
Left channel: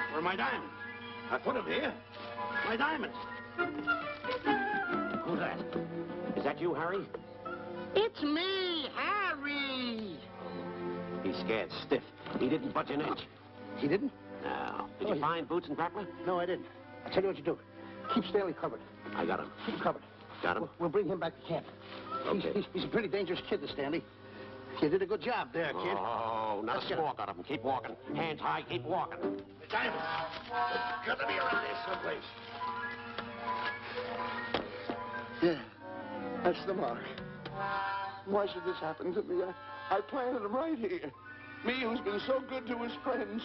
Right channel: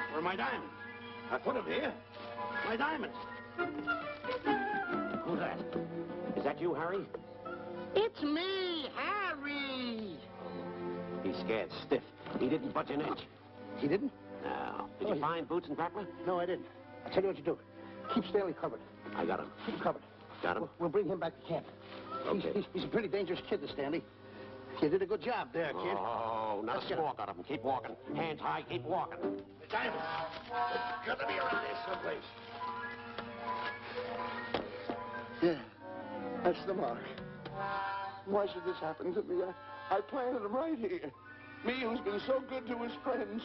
Where are my diamonds? I put them here. My diamonds. Who's that? Is that you, Harry? It's me, Harry. He's scared stiff. He didn't budge an inch. He didn't? No. Did you find Boots and Grappler? No, I didn't. I'll tell you what you do. Keep Stanley covered. I got him. Keep him covered. Got him? We'll bring him back to camp. Okay. He's a pretty dangerous kid, this Stanley. You did a good job there, kid. Oh, not a squawk out of him. Keep walking. Hands high, keep walking. Diamonds. It's got to be around here someplace. Yeah, that's the mark. Why should this happen to me? I planted them right here. Me, who's been so good to his friends.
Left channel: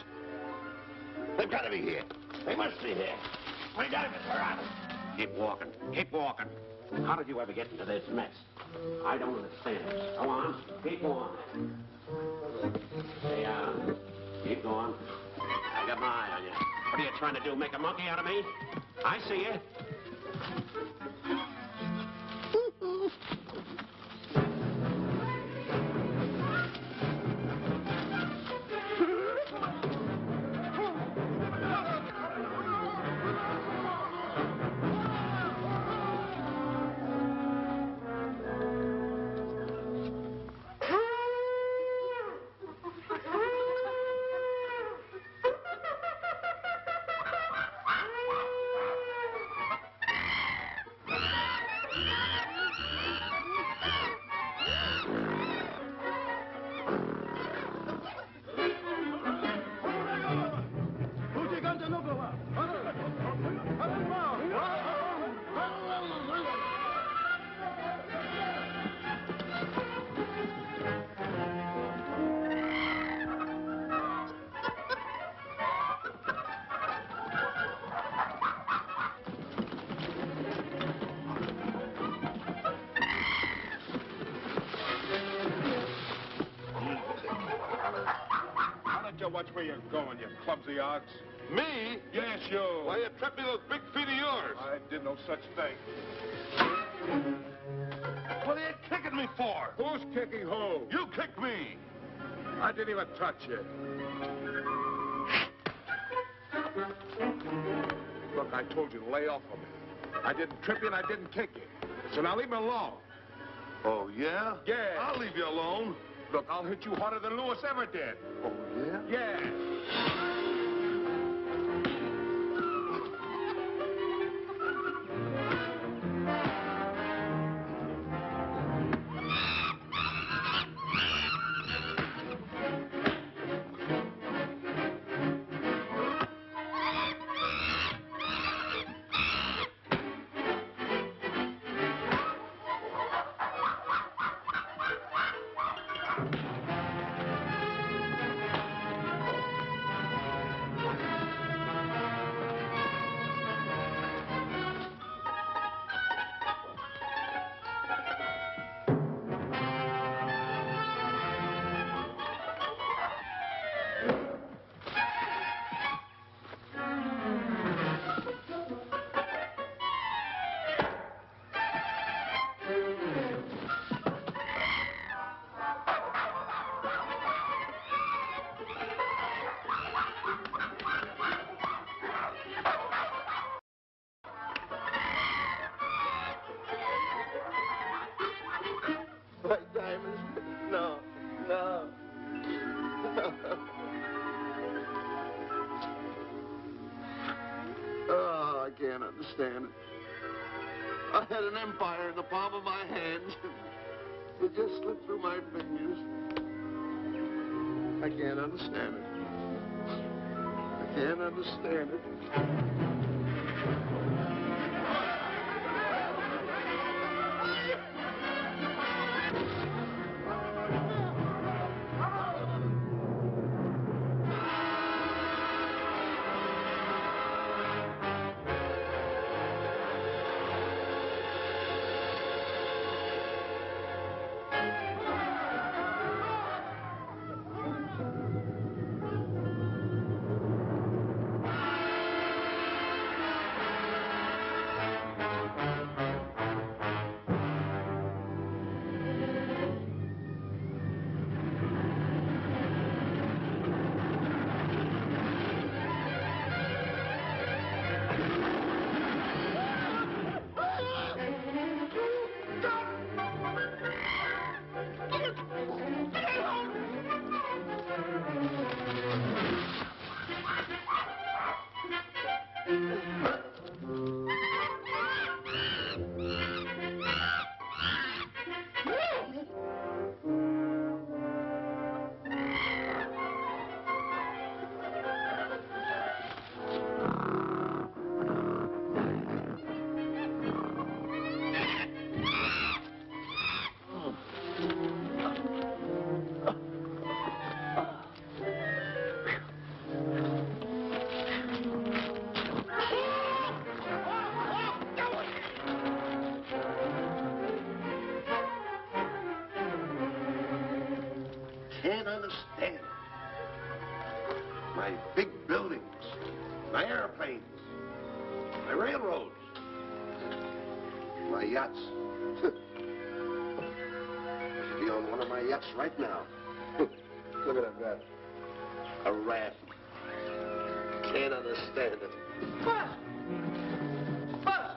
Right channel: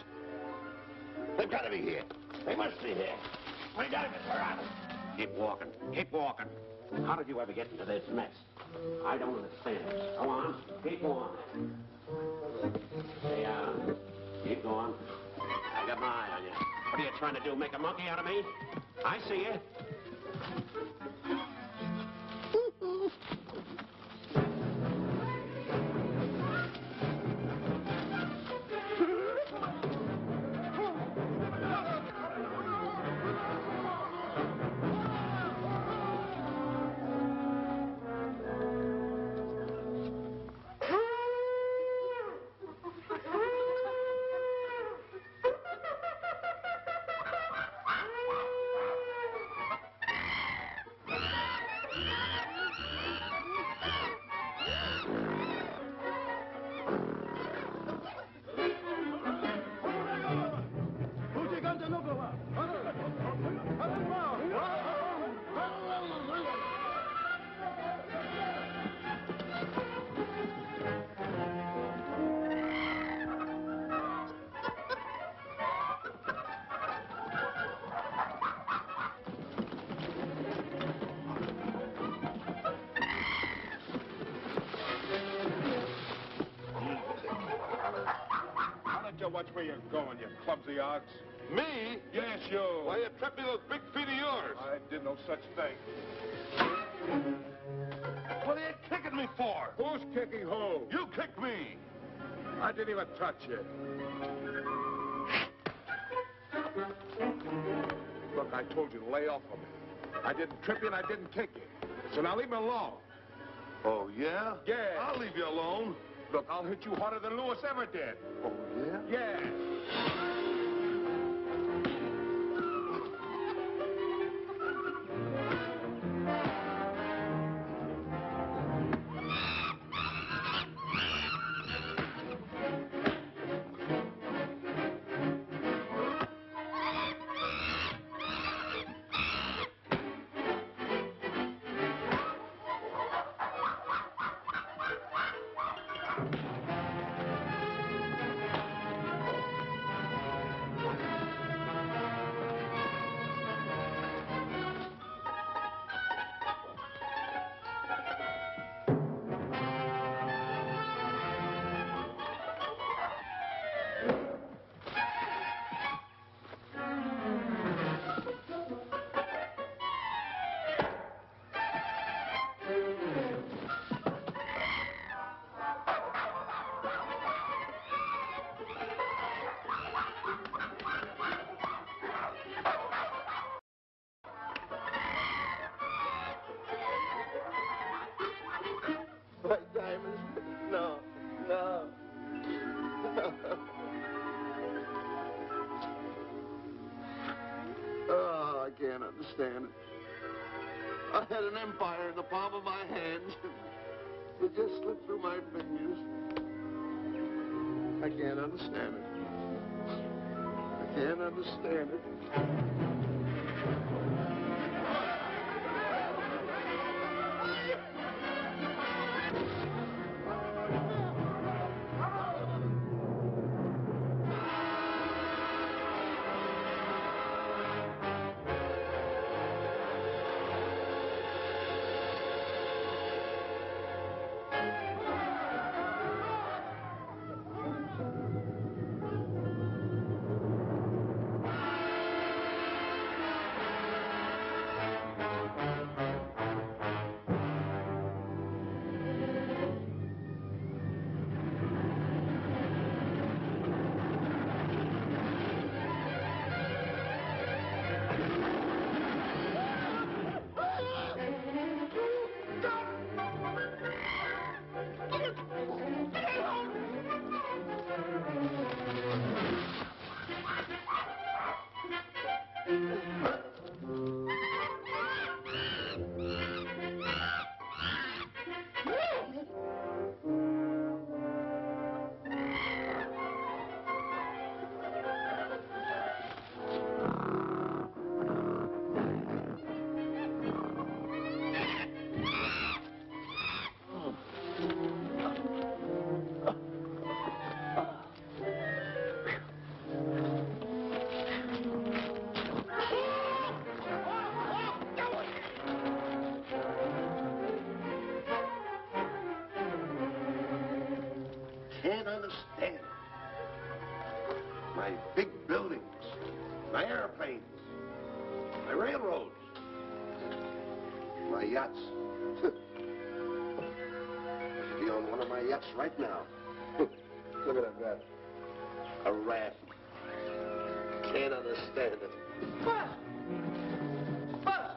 They've got to be here. They must be here. My diamonds are out. Keep walking. Keep walking. How did you ever get into this mess? I don't understand. Go on. Keep going. Stay on. Keep going. I got my eye on you. What are you trying to do? Make a monkey out of me? I see you. Watch where you're going, you clumsy ox. Me? Yes, you. Why, you trapped me those big feet of yours. I did no such thing. What are you kicking me for? Who's kicking who? You kicked me. I didn't even touch you. Look, I told you to lay off of me. I didn't trip you and I didn't kick you. So now leave me alone. Oh, yeah? Yeah. I'll leave you alone. Look, I'll hit you harder than Lewis ever did. Oh, yeah? Yeah. can't understand it. I had an empire in the palm of my hand. It just slipped through my fingers. I can't understand it. I can't understand it. Can't understand. My big buildings, my airplanes, my railroads, my yachts. I should be on one of my yachts right now. Look at that rat. A rat. Can't understand it. Buzz! Buzz!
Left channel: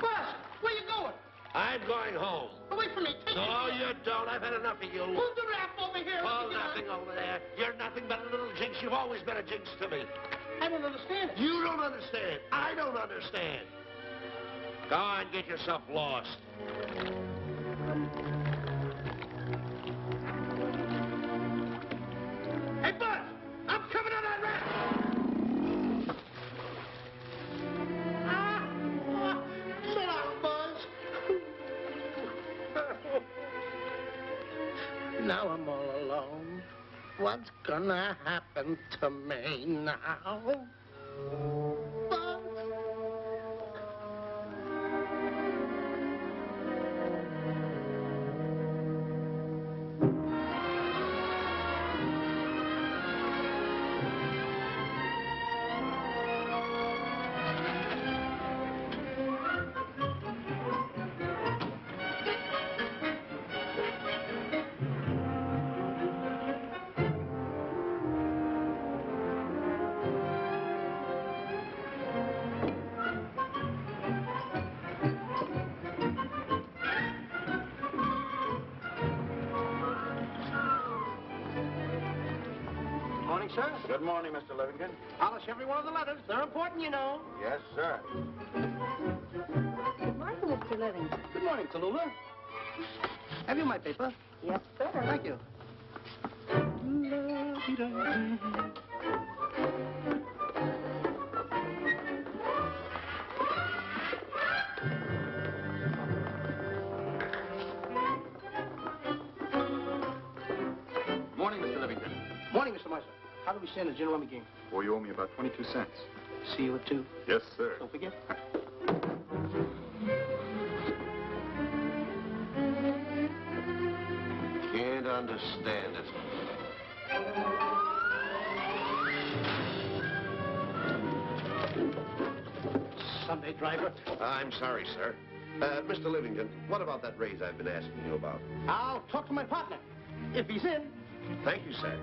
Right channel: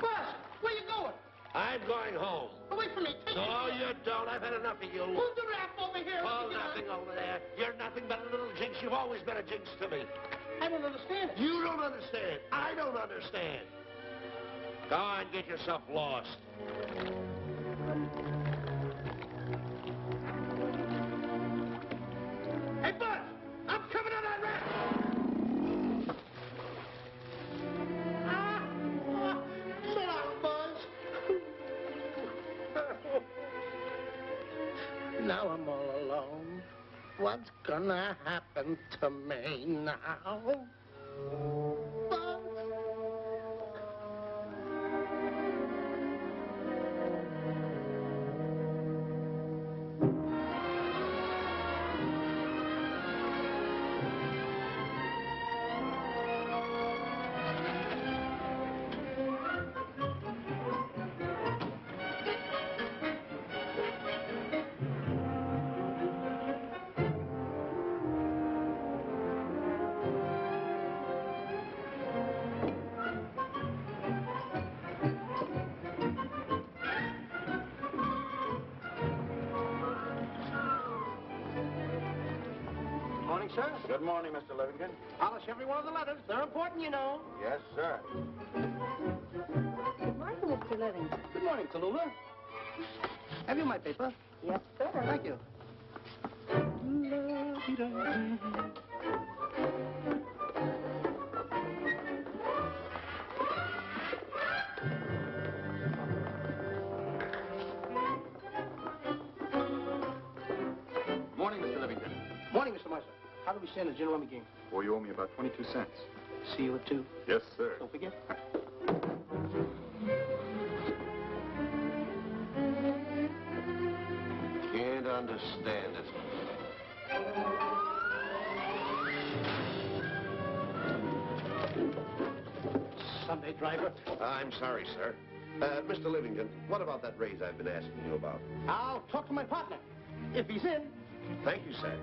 Buzz! Where you going? I'm going home. Away from me. Take No, you don't. I've had enough of you. Move the raft over here. Oh, nothing over there. You're nothing but a little jinx. You've always been a jinx to me. I don't understand it. You don't understand. I don't understand. Go on, get yourself lost. Hey, Buzz! I'm coming on that raft! Sit down, Buzz. Now I'm all alone. What's gonna happen to me now? Buzz? Morning, sir. Good morning, Mr. Livingston. Polish every one of the letters. They're important, you know. Yes, sir. Good morning, Mr. Livingston. Good morning, Tallulah. Have you my paper? Yes, sir. Thank you. Morning, Mr. Livingston. Morning, Mr. Marshall. How do we stand the gin rummy game? Well, you owe me about 22 cents. See you at 2. Yes, sir. Don't forget. Can't understand it. Sunday driver. I'm sorry, sir. Mr. Livingston, what about that raise I've been asking you about? I'll talk to my partner. If he's in. Thank you, sir.